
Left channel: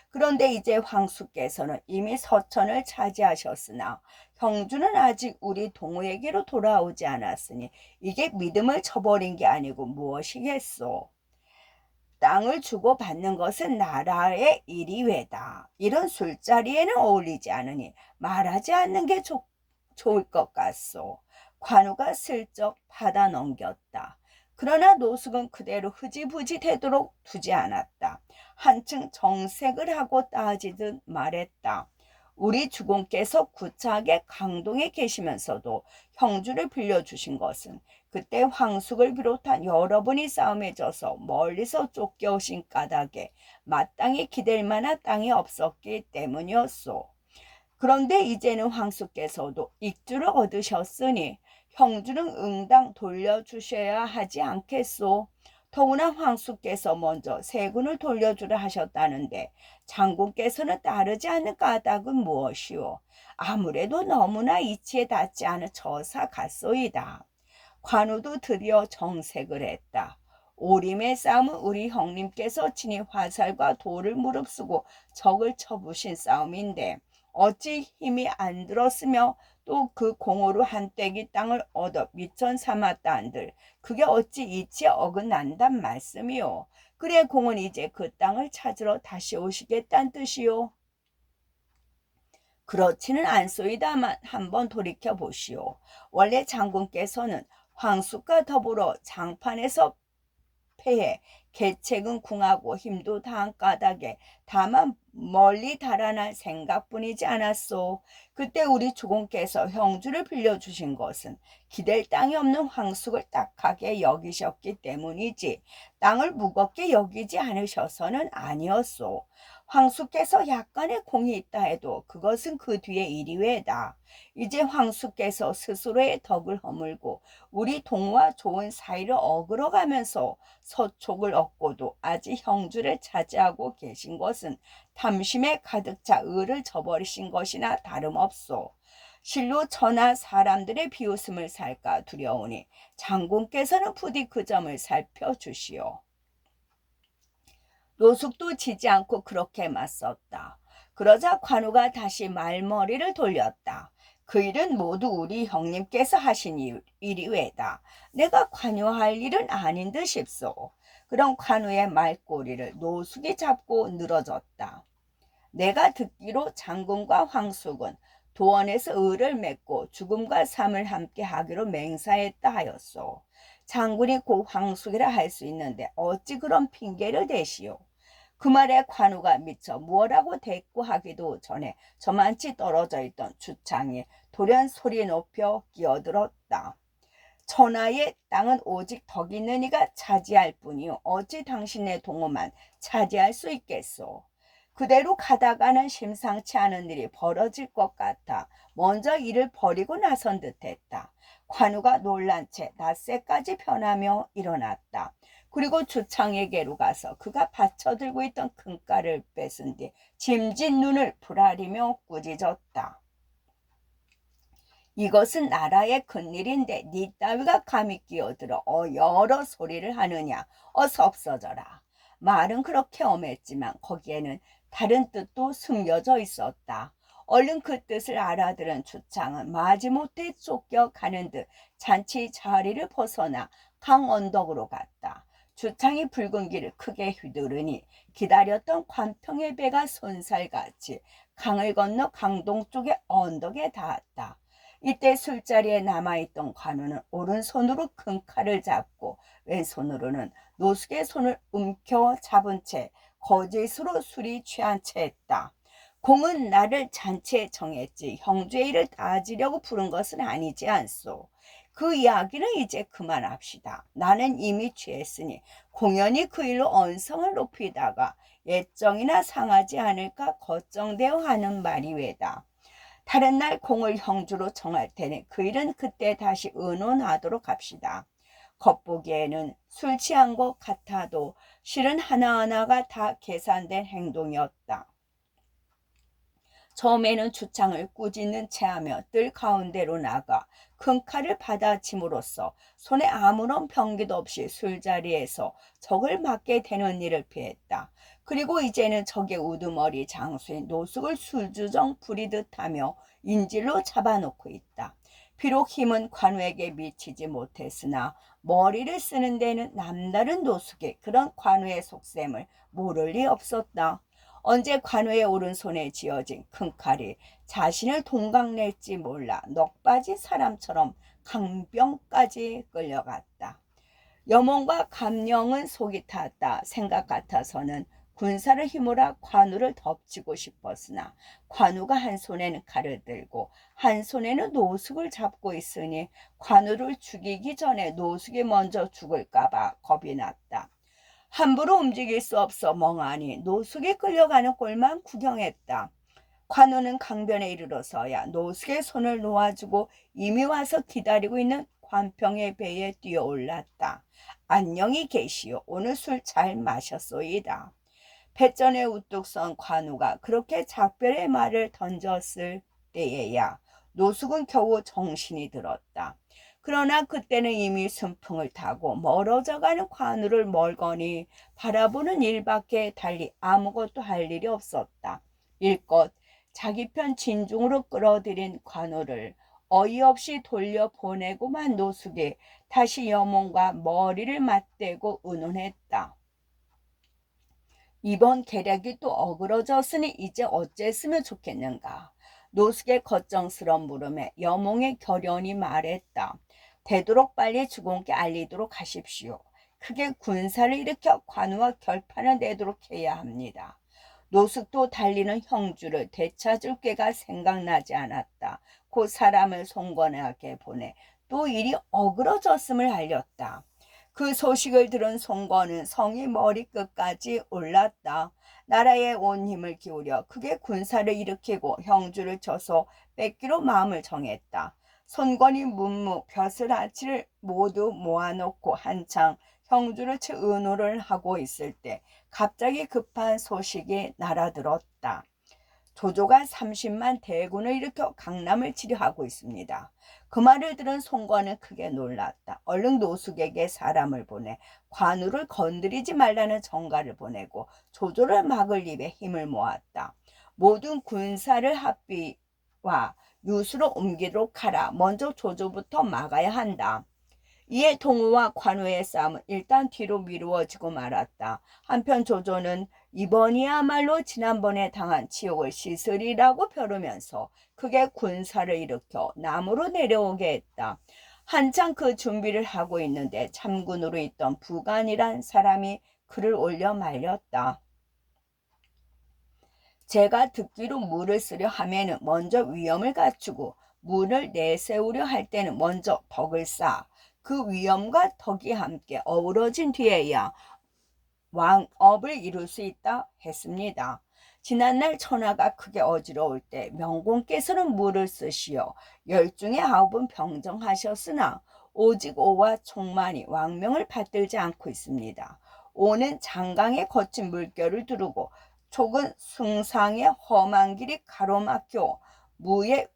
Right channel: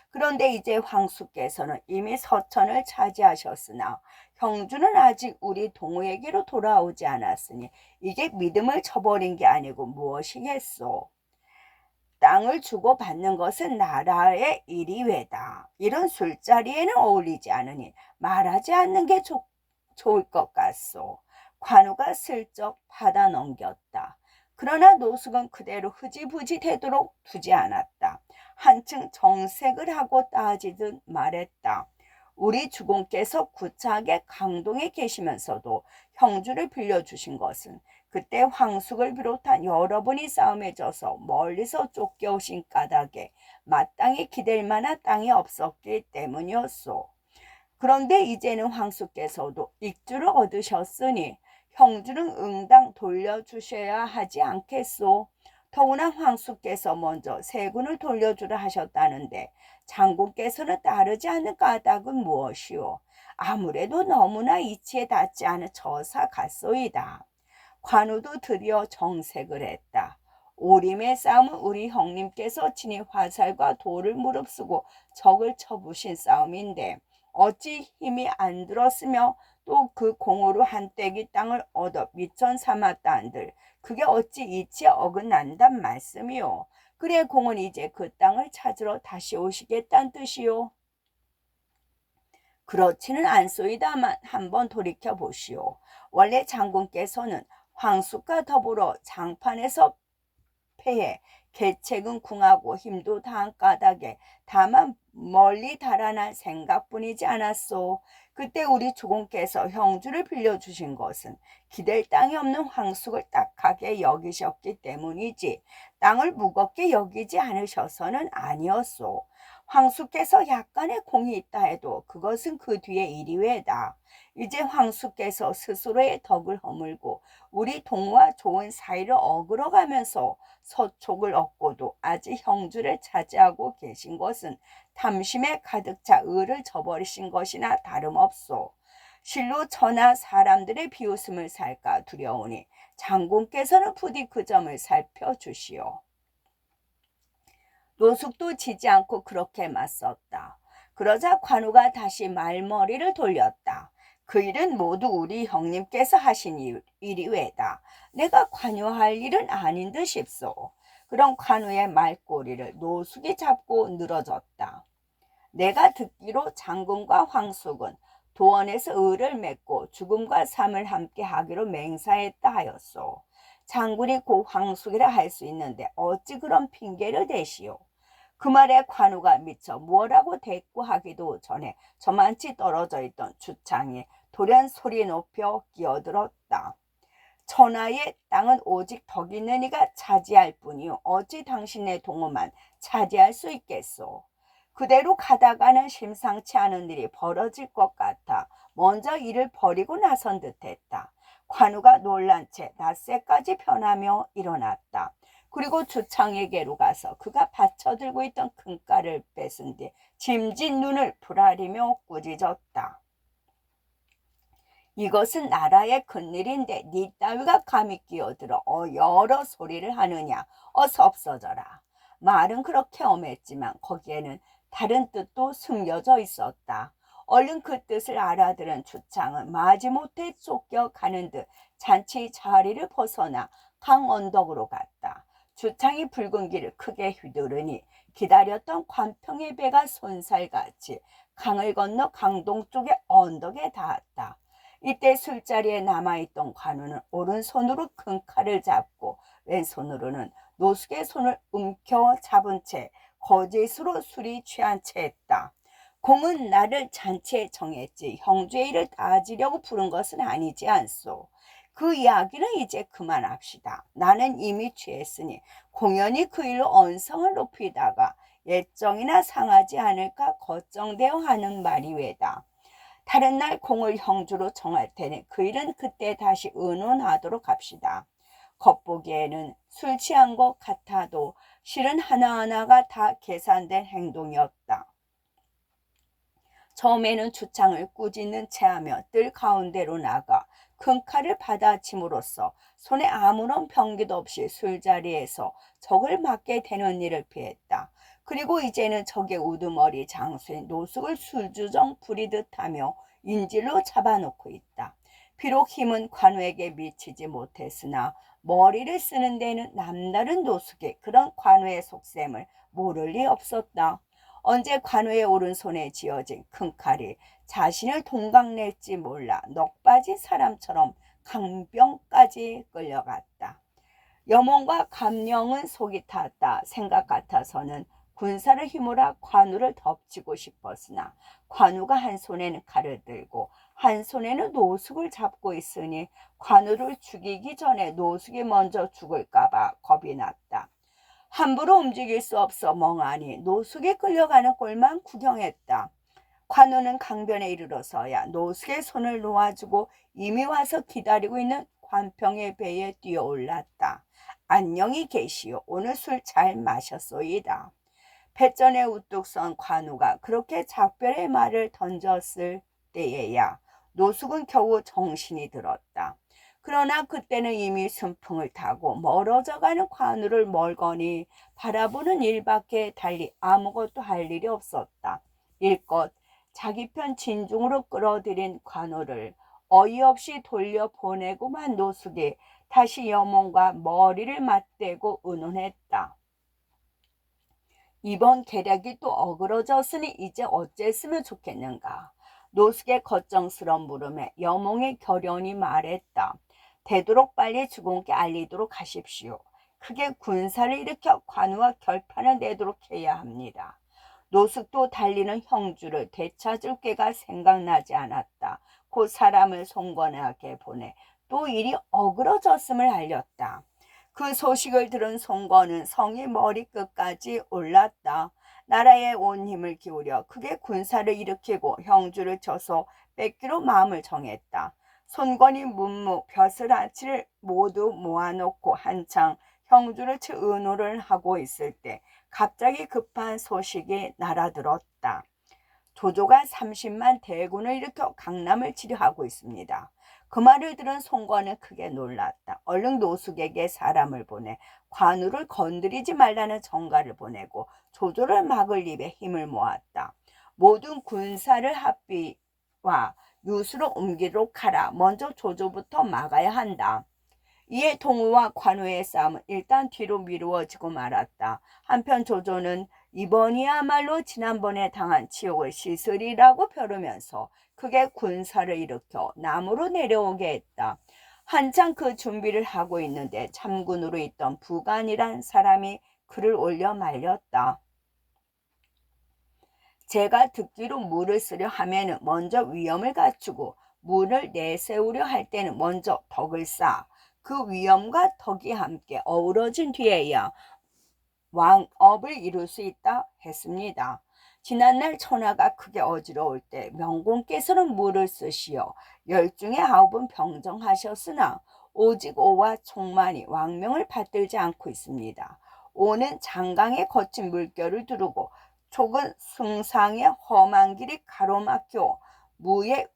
그런데 이제 황수께서는 이미 서천을 차지하셨으나 형주는 아직 우리 동우에게로 돌아오지 않았으니 이게 믿음을 저버린 게 아니고 무엇이겠소. 땅을 주고받는 것은 나라의 일이 외다. 이런 술자리에는 어울리지 않으니 말하지 않는 게 좋을 것 같소. 관우가 슬쩍 받아 넘겼다. 그러나 노숙은 그대로 흐지부지 되도록 두지 않았다. 한층 정색을 하고 따지듯 말했다. 우리 주공께서 구차하게 강동에 계시면서도 형주를 빌려주신 것은 그때 황숙을 비롯한 여러분이 싸움에 져서 멀리서 쫓겨오신 까닭에 마땅히 기댈 만한 땅이 없었기 때문이었소. 그런데 이제는 황숙께서도 익주를 얻으셨으니 형주는 응당 돌려주셔야 하지 않겠소. 더구나 황숙께서 먼저 세군을 돌려주려 하셨다는데 장군께서는 따르지 않는 까닭은 무엇이오? 아무래도 너무나 이치에 닿지 않은 저사 같소이다. 관우도 드디어 정색을 했다. 오림의 싸움은 우리 형님께서 친히 화살과 돌을 무릅쓰고 적을 쳐부신 싸움인데 어찌 힘이 안 들었으며 또 그 공으로 한 떼기 땅을 얻어 미천 삼았다 한들 그게 어찌 이치에 어긋난단 말씀이요. 그래 공은 이제 그 땅을 찾으러 다시 오시겠다는 뜻이요. 그렇지는 않소이다만 한번 돌이켜 보시오. 원래 장군께서는 황숙과 더불어 장판에서 패해 계책은 궁하고 힘도 다한 까닭에 다만 멀리 달아날 생각뿐이지 않았소. 그때 우리 주공께서 형주를 빌려주신 것은 기댈 땅이 없는 황숙을 딱하게 여기셨기 때문이지 땅을 무겁게 여기지 않으셔서는 아니었소. 황숙께서 약간의 공이 있다 해도 그것은 그 뒤의 일이 외다. 이제 황숙께서 스스로의 덕을 허물고 우리 동과 좋은 사이를 어그러가면서 서촉을 얻고도 아직 형주를 차지하고 계신 것은 탐심에 가득 차 의를 저버리신 것이나 다름없소. 실로 저나 사람들의 비웃음을 살까 두려우니 장군께서는 부디 그 점을 살펴주시오. 노숙도 지지 않고 그렇게 맞섰다. 그러자 관우가 다시 말머리를 돌렸다. 그 일은 모두 우리 형님께서 하신 일이 왜다. 내가 관여할 일은 아닌 듯 싶소. 그런 관우의 말꼬리를 노숙이 잡고 늘어졌다. 내가 듣기로 장군과 황숙은 도원에서 의를 맺고 죽음과 삶을 함께 하기로 맹사했다 하였소. 장군이 곧 황숙이라 할 수 있는데 어찌 그런 핑계를 대시오. 그 말에 관우가 미처 무엇라고 대꾸하기도 전에 저만치 떨어져 있던 주창이 돌연 소리 높여 끼어들었다. 천하의 땅은 오직 덕 있는 이가 차지할 뿐이요 어찌 당신의 동호만 차지할 수 있겠소. 그대로 가다가는 심상치 않은 일이 벌어질 것 같아 먼저 일을 버리고 나선 듯했다. 관우가 놀란 채 닷새까지 변하며 일어났다. 그리고 주창에게로 가서 그가 받쳐들고 있던 금가를 뺏은 뒤 짐진 눈을 부라리며 꾸짖었다. 이것은 나라의 큰일인데 네 따위가 감히 끼어들어 여러 소리를 하느냐. 어서 없어져라. 말은 그렇게 엄했지만 거기에는 다른 뜻도 숨겨져 있었다. 얼른 그 뜻을 알아들은 주창은 마지못해 쫓겨가는 듯 잔치 자리를 벗어나 강 언덕으로 갔다. 주창이 붉은 길을 크게 휘두르니 기다렸던 관평의 배가 손살같이 강을 건너 강동 쪽의 언덕에 닿았다. 이때 술자리에 남아있던 관우는 오른손으로 큰 칼을 잡고 왼손으로는 노숙의 손을 움켜 잡은 채 거짓으로 술이 취한 채 했다. 공은 나를 잔치에 정했지 형주의 일을 따지려고 부른 것은 아니지 않소. 그 이야기는 이제 그만합시다. 나는 이미 취했으니 공연히 그 일로 언성을 높이다가 예정이나 상하지 않을까 걱정되어 하는 말이 왜다. 다른 날 공을 형주로 정할 테니 그 일은 그때 다시 의논하도록 합시다. 겉보기에는 술 취한 것 같아도 실은 하나하나가 다 계산된 행동이었다. 처음에는 주창을 꾸짖는 체하며 뜰 가운데로 나가 큰 칼을 받아침으로써 손에 아무런 병기도 없이 술자리에서 적을 맞게 되는 일을 피했다. 그리고 이제는 적의 우두머리 장수인 노숙을 술주정 부리듯 하며 인질로 잡아놓고 있다. 비록 힘은 관우에게 미치지 못했으나 머리를 쓰는 데는 남다른 노숙의 그런 관우의 속셈을 모를 리 없었다. 언제 관우의 오른손에 쥐어진 큰 칼이 자신을 동강낼지 몰라 넋 빠진 사람처럼 강병까지 끌려갔다. 여몽과 감령은 속이 탔다 생각 같아서는 군사를 힘으로 관우를 덮치고 싶었으나 관우가 한 손에는 칼을 들고 한 손에는 노숙을 잡고 있으니 관우를 죽이기 전에 노숙이 먼저 죽을까봐 겁이 났다. 함부로 움직일 수 없어 멍하니 노숙에 끌려가는 꼴만 구경했다. 관우는 강변에 이르러서야 노숙의 손을 놓아주고 이미 와서 기다리고 있는 관평의 배에 뛰어올랐다. 안녕히 계시오. 오늘 술 잘 마셨소이다. 뱃전에 우뚝 선 관우가 그렇게 작별의 말을 던졌을 때에야 노숙은 겨우 정신이 들었다. 그러나 그때는 이미 순풍을 타고 멀어져가는 관우를 멀거니 바라보는 일밖에 달리 아무것도 할 일이 없었다. 일껏 자기 편 진중으로 끌어들인 관우를 어이없이 돌려보내고만 노숙이 다시 여몽과 머리를 맞대고 의논했다. 이번 계략이 또 어그러졌으니 이제 어쨌으면 좋겠는가. 노숙의 걱정스러운 물음에 여몽의 결연히 말했다. 되도록 빨리 주공께 알리도록 하십시오. 크게 군사를 일으켜 관우와 결판을 내도록 해야 합니다. 노숙도 달리는 형주를 되찾을 꾀가 생각나지 않았다. 곧 사람을 송건에게 보내 또 일이 어그러졌음을 알렸다. 그 소식을 들은 송건은 성이 머리끝까지 올랐다. 나라에 온 힘을 기울여 크게 군사를 일으키고 형주를 쳐서 뺏기로 마음을 정했다. 손건이 문무, 벼슬아치를 모두 모아놓고 한창 형주를 쳐 의논을 하고 있을 때 갑자기 급한 소식이 날아들었다. 조조가 30만 대군을 일으켜 강남을 치료하고 있습니다. 그 말을 들은 송건은 크게 놀랐다. 얼른 노숙에게 사람을 보내 관우를 건드리지 말라는 전가를 보내고 조조를 막을 입에 힘을 모았다. 모든 군사를 합비와 유수로 옮기도록 하라. 먼저 조조부터 막아야 한다. 이에 동우와 관우의 싸움은 일단 뒤로 미루어지고 말았다. 한편 조조는 이번이야말로 지난번에 당한 치욕을 씻으리라고 벼르면서 크게 군사를 일으켜 남으로 내려오게 했다. 한창 그 준비를 하고 있는데 참군으로 있던 부간이란 사람이 그를 올려 말렸다. 제가 듣기로 물을 쓰려 하면은 먼저 위엄을 갖추고 물을 내세우려 할 때는 먼저 덕을 쌓아 그 위엄과 덕이 함께 어우러진 뒤에야 왕업을 이룰 수 있다 했습니다. 지난날 천하가 크게 어지러울 때 명공께서는 물을 쓰시어 10중에 9은 병정하셨으나 오직 오와 총만이 왕명을 받들지 않고 있습니다. 오는 장강에 거친 물결을 두르고 촉은 숭상의 험한 길이 가로막혀 무의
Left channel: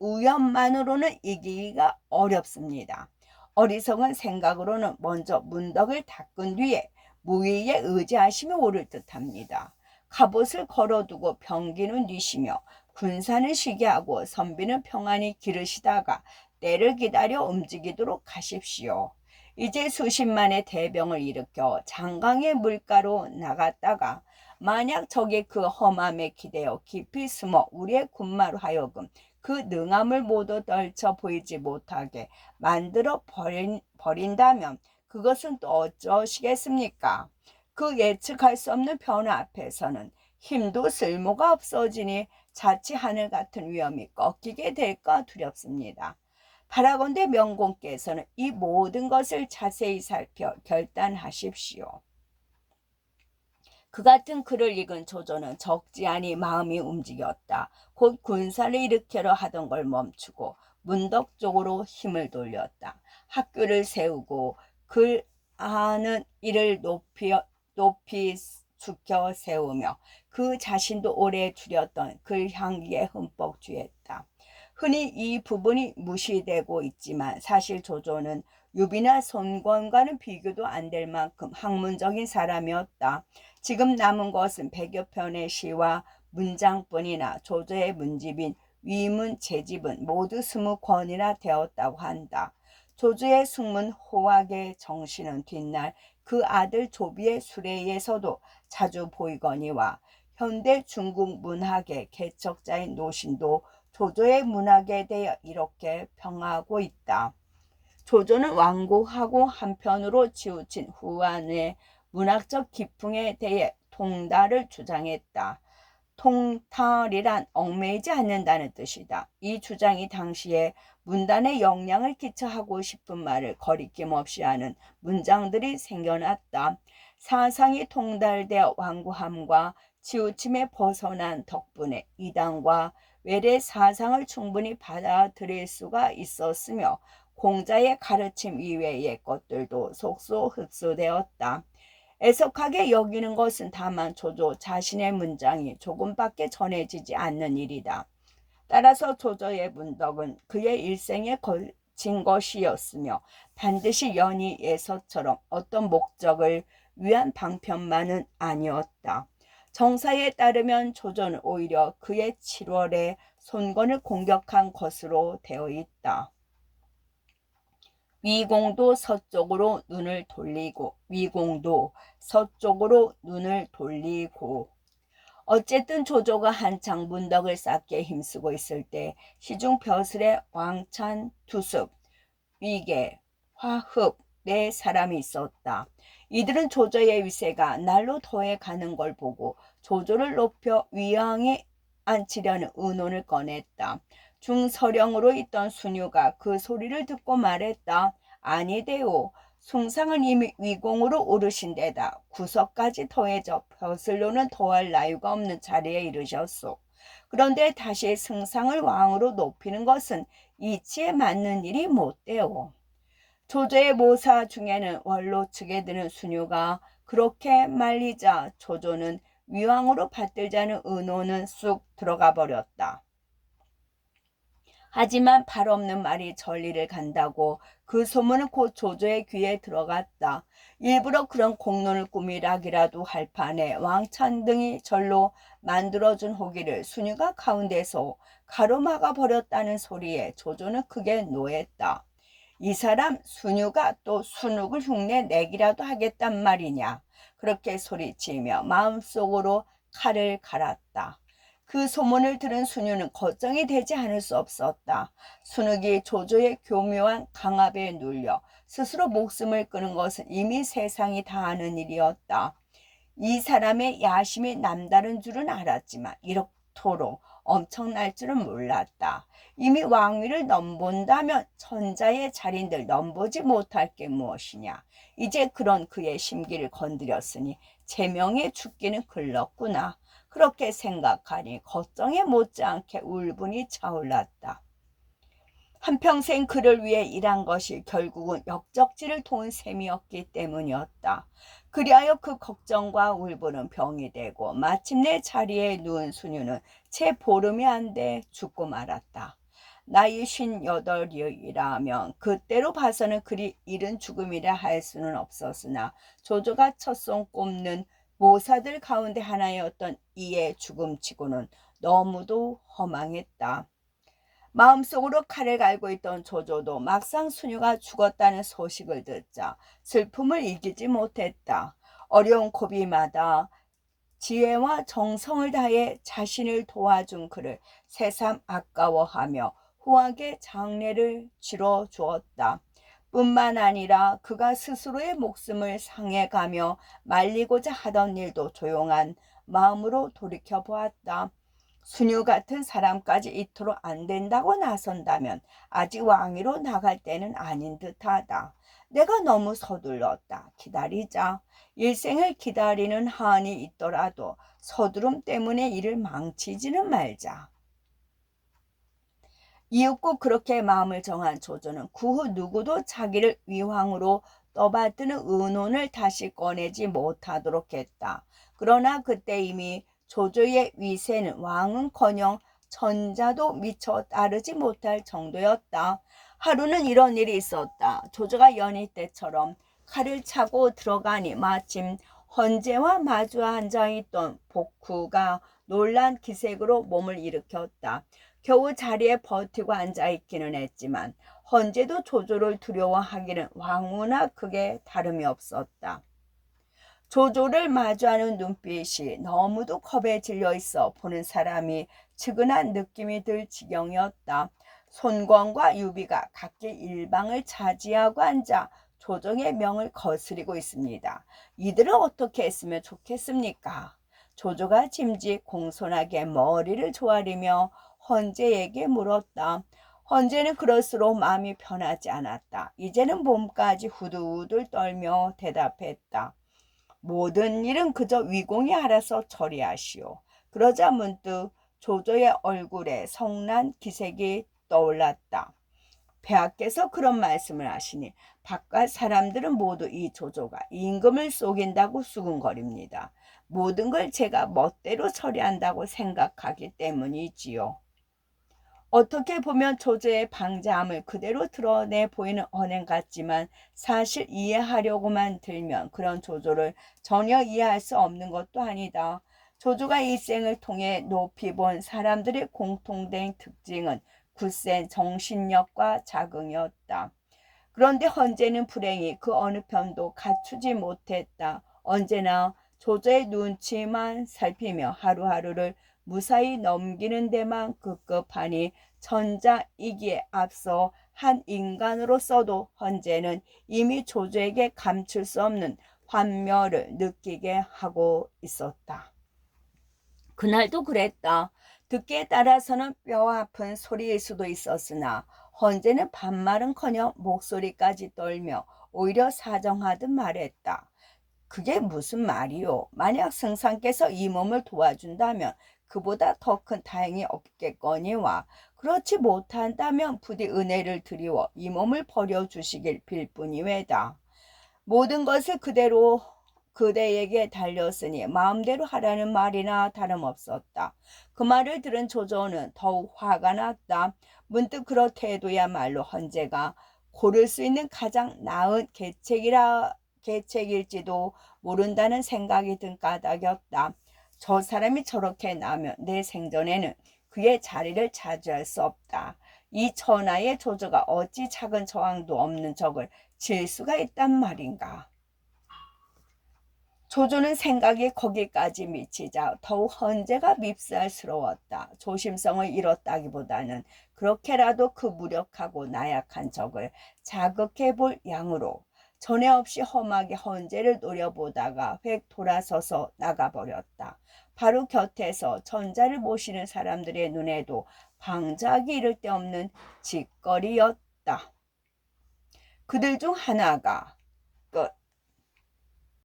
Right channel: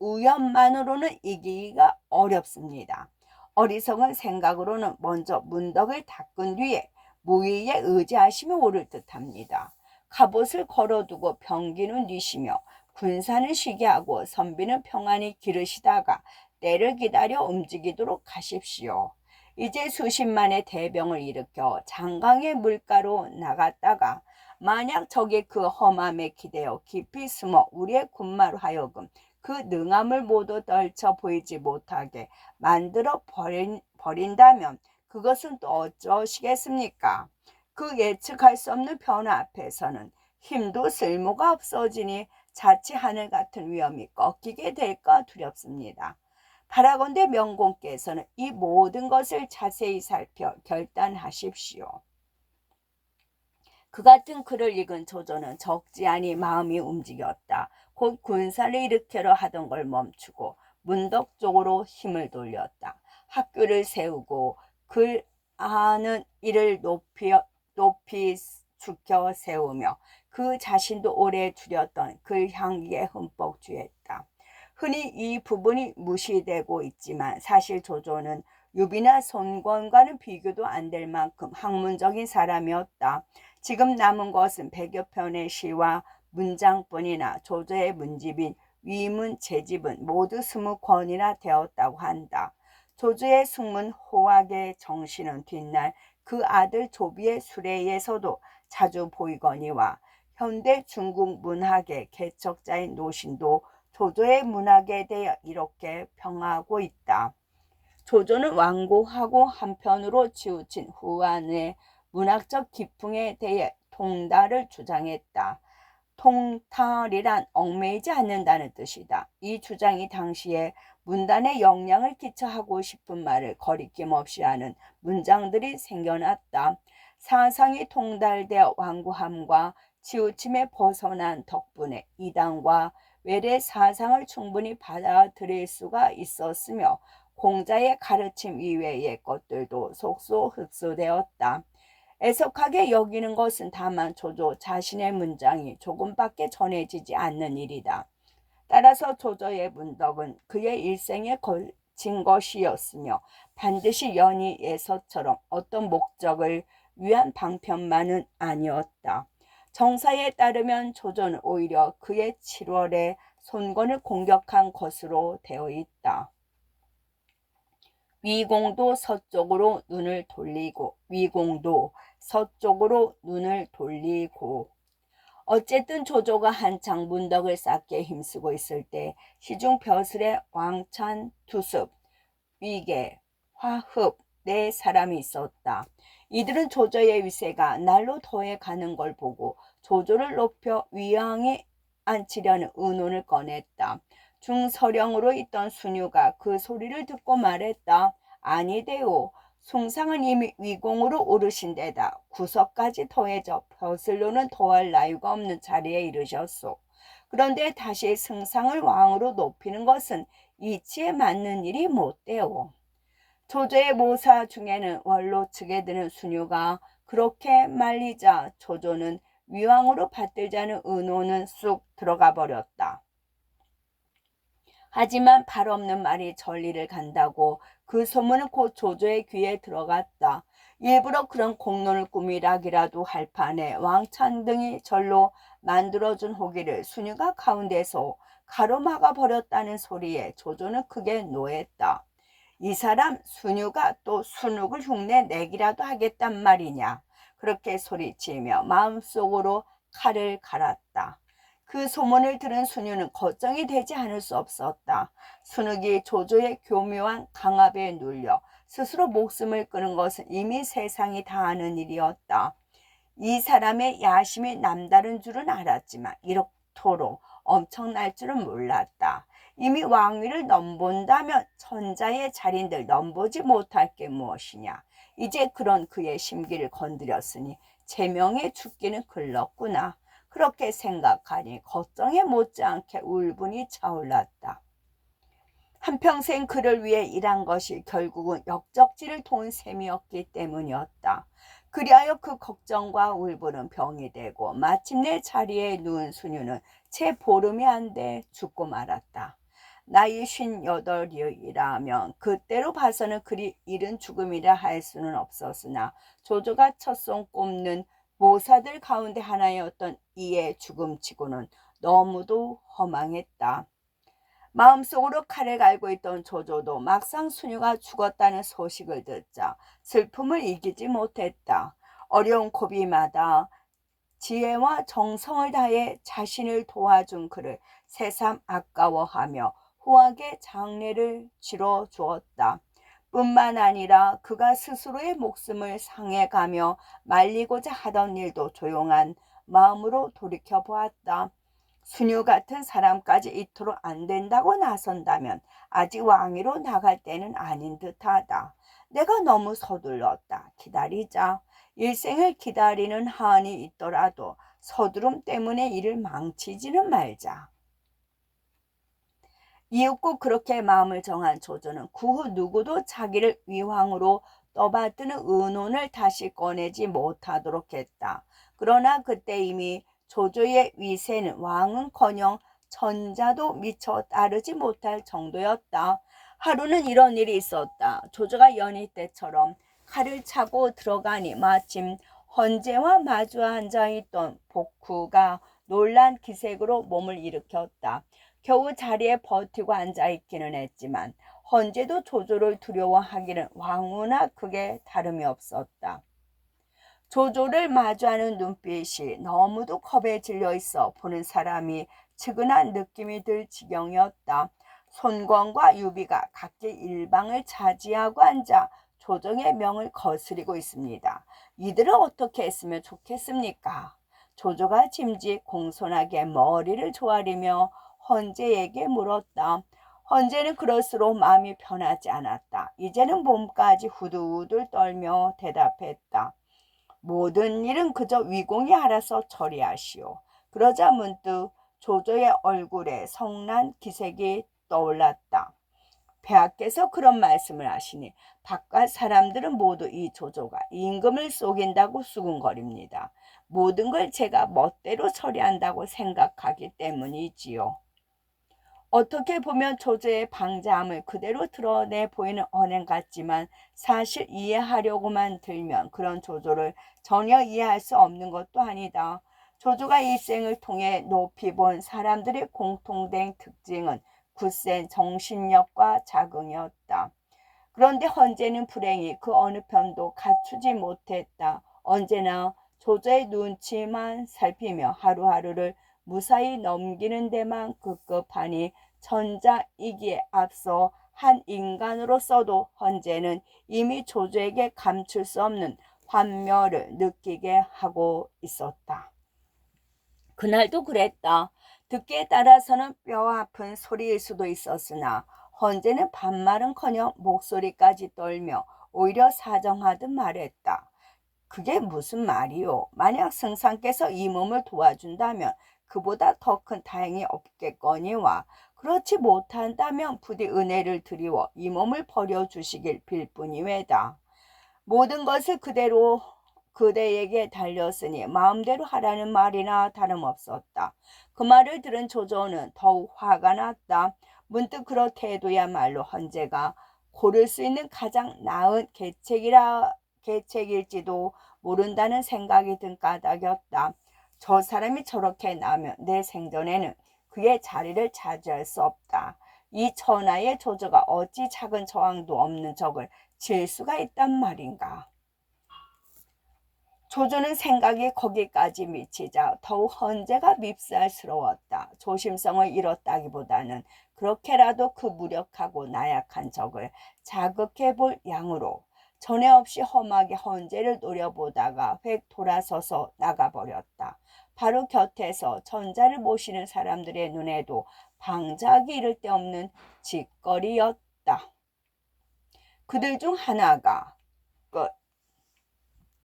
위엄만으로는 이기기가 어렵습니다. 어리석은 생각으로는 먼저 문덕을 닦은 뒤에 무위에 의지하시며 오를 듯합니다. 갑옷을 걸어두고 병기는 뒤시며 군사는 쉬게 하고 선비는 평안히 기르시다가 때를 기다려 움직이도록 하십시오. 이제 수십만의 대병을 일으켜 장강의 물가로 나갔다가 만약 적이 그 험함에 기대어 깊이 숨어 우리의 군마로 하여금 그 능함을 모두 떨쳐 보이지 못하게 만들어 버린다면 그것은 또 어쩌시겠습니까? 그 예측할 수 없는 변화 앞에서는 힘도 쓸모가 없어지니 자칫 하늘 같은 위험이 꺾이게 될까 두렵습니다. 바라건대 명공께서는 이 모든 것을 자세히 살펴 결단하십시오. 그 같은 글을 읽은 조조는 적지않이 마음이 움직였다. 곧 군사를 일으키려 하던 걸 멈추고 문덕 쪽으로 힘을 돌렸다. 학교를 세우고 글 하는 이를 높이 죽여 세우며 그 자신도 오래 줄였던 글 향기에 흠뻑 취했다. 흔히 이 부분이 무시되고 있지만 사실 조조는 유비나 손권과는 비교도 안 될 만큼 학문적인 사람이었다. 지금 남은 것은 100여 편의 시와 문장뿐이나 조조의 문집인 위문 제집은 모두 20권이나 되었다고 한다. 조조의 숙문 호학의 정신은 뒷날 그 아들 조비의 수레에서도 자주 보이거니와 현대 중국 문학의 개척자인 노신도 조조의 문학에 대해 이렇게 평하고 있다. 조조는 완고하고 한편으로 치우친 후한의 문학적 기풍에 대해 통달을 주장했다. 통달이란 얽매이지 않는다는 뜻이다. 이 주장이 당시에 문단에 영향을 끼쳐 하고 싶은 말을 거리낌 없이 하는 문장들이 생겨났다. 사상이 통달되어 완고함과 치우침에 벗어난 덕분에 이단과 외래 사상을 충분히 받아들일 수가 있었으며 공자의 가르침 이외의 것들도 속소 흡수되었다. 애석하게 여기는 것은 다만 조조 자신의 문장이 조금밖에 전해지지 않는 일이다. 따라서 조조의 문덕은 그의 일생에 걸친 것이었으며 반드시 연희 예서처럼 어떤 목적을 위한 방편만은 아니었다. 정사에 따르면 조조는 오히려 그의 7월에 손권을 공격한 것으로 되어 있다. 위공도 서쪽으로 눈을 돌리고 어쨌든 조조가 한창 문덕을 쌓게 힘쓰고 있을 때 시중 벼슬에 왕찬, 두습, 위계, 화흡 네 사람이 있었다. 이들은 조조의 위세가 날로 더해 가는 걸 보고 조조를 높여 위왕에 앉히려는 의논을 꺼냈다. 중서령으로 있던 순유가 그 소리를 듣고 말했다. 아니되오. 숭상은 이미 위공으로 오르신 데다 구석까지 더해져 벼슬로는 더할 나위가 없는 자리에 이르셨소. 그런데 다시 승상을 왕으로 높이는 것은 이치에 맞는 일이 못되오. 조조의 모사 중에는 원로 측에 드는 순유가 그렇게 말리자 조조는 위왕으로 받들자는 의논은 쑥 들어가 버렸다. 하지만 발 없는 말이 전리를 간다고 그 소문은 곧 조조의 귀에 들어갔다. 일부러 그런 공론을 꾸미라기라도 할 판에 왕찬 등이 절로 만들어준 호기를 순유가 가운데서 가로막아 버렸다는 소리에 조조는 크게 노했다. 이 사람 순유가 또 순욱을 흉내 내기라도 하겠단 말이냐. 그렇게 소리치며 마음속으로 칼을 갈았다. 그 소문을 들은 순유는 걱정이 되지 않을 수 없었다. 순욱이 조조의 교묘한 강압에 눌려 스스로 목숨을 끊은 것은 이미 세상이 다 아는 일이었다. 이 사람의 야심이 남다른 줄은 알았지만 이렇도록 엄청날 줄은 몰랐다. 이미 왕위를 넘본다면 천자의 자린들 넘보지 못할 게 무엇이냐. 이제 그런 그의 심기를 건드렸으니 제명의 죽기는 글렀구나. 그렇게 생각하니 걱정에 못지않게 울분이 차올랐다. 한평생 그를 위해 일한 것이 결국은 역적지를 도운 셈이었기 때문이었다. 그리하여 그 걱정과 울분은 병이 되고 마침내 자리에 누운 순유는 채 보름이 안 돼 죽고 말았다. 나이 58이라면 그때로 봐서는 그리 이른 죽음이라 할 수는 없었으나 조조가 첫손 꼽는 모사들 가운데 하나였던 이의 죽음치고는 너무도 허망했다. 마음속으로 칼을 갈고 있던 조조도 막상 순유가 죽었다는 소식을 듣자 슬픔을 이기지 못했다. 어려운 고비마다 지혜와 정성을 다해 자신을 도와준 그를 새삼 아까워하며 후하게 장례를 치러 주었다. 뿐만 아니라 그가 스스로의 목숨을 상해가며 말리고자 하던 일도 조용한 마음으로 돌이켜보았다. 순유 같은 사람까지 이토록 안 된다고 나선다면 아직 왕위로 나갈 때는 아닌 듯하다. 내가 너무 서둘렀다. 기다리자. 일생을 기다리는 한이 있더라도 서두름 때문에 일을 망치지는 말자. 이윽고 그렇게 마음을 정한 조조는 그 후 누구도 자기를 위왕으로 떠받드는 의논을 다시 꺼내지 못하도록 했다. 그러나 그때 이미 조조의 위세는 왕은커녕 천자도 미처 따르지 못할 정도였다. 하루는 이런 일이 있었다. 조조가 연희 때처럼 칼을 차고 들어가니 마침 헌제와 마주 앉아있던 복후가 놀란 기색으로 몸을 일으켰다. 겨우 자리에 버티고 앉아있기는 했지만 헌제도 조조를 두려워하기는 왕후나 크게 다름이 없었다. 조조를 마주하는 눈빛이 너무도 겁에 질려 있어 보는 사람이 측은한 느낌이 들 지경이었다. 손권과 유비가 각기 일방을 차지하고 앉아 조정의 명을 거스리고 있습니다. 이들은 어떻게 했으면 좋겠습니까? 조조가 짐짓 공손하게 머리를 조아리며 헌제에게 물었다. 헌제는 그럴수록 마음이 편하지 않았다. 이제는 몸까지 후들후들 떨며 대답했다. 모든 일은 그저 위공이 알아서 처리하시오. 그러자 문득 조조의 얼굴에 성난 기색이 떠올랐다. 폐하께서 그런 말씀을 하시니 바깥 사람들은 모두 이 조조가 임금을 속인다고 수군거립니다. 모든 걸 제가 멋대로 처리한다고 생각하기 때문이지요. 어떻게 보면 조조의 방자함을 그대로 드러내 보이는 언행 같지만 사실 이해하려고만 들면 그런 조조를 전혀 이해할 수 없는 것도 아니다. 조조가 일생을 통해 높이 본 사람들의 공통된 특징은 굳센 정신력과 자긍이었다. 그런데 헌재는 불행히 그 어느 편도 갖추지 못했다. 언제나 조조의 눈치만 살피며 하루하루를 무사히 넘기는 데만 급급하니 천자이기에 앞서 한 인간으로서도 헌재는 이미 조조에게 감출 수 없는 환멸을 느끼게 하고 있었다. 그날도 그랬다. 듣기에 따라서는 뼈 아픈 소리일 수도 있었으나 헌재는 반말은커녕 목소리까지 떨며 오히려 사정하듯 말했다. 그게 무슨 말이오? 만약 승상께서 이 몸을 도와준다면 그보다 더 큰 다행이 없겠거니와 그렇지 못한다면 부디 은혜를 드리워 이 몸을 버려주시길 빌 뿐이외다. 모든 것을 그대로 그대에게 달렸으니 마음대로 하라는 말이나 다름없었다. 그 말을 들은 조조는 더욱 화가 났다. 문득 그렇게해도야말로 헌재가 고를 수 있는 가장 나은 계책일지도 모른다는 생각이 든 까닭이었다. 저 사람이 저렇게 나면 내 생전에는 그의 자리를 차지할 수 없다. 이 천하의 조조가 어찌 작은 저항도 없는 적을 질 수가 있단 말인가. 조조는 생각이 거기까지 미치자 더욱 헌재가 밉살스러웠다. 조심성을 잃었다기보다는 그렇게라도 그 무력하고 나약한 적을 자극해 볼 양으로 전에 없이 험하게 헌재를 노려보다가 획 돌아서서 나가버렸다. 바로 곁에서 전자를 모시는 사람들의 눈에도 방자하기 이를 데 없는 짓거리였다. 그들 중 하나가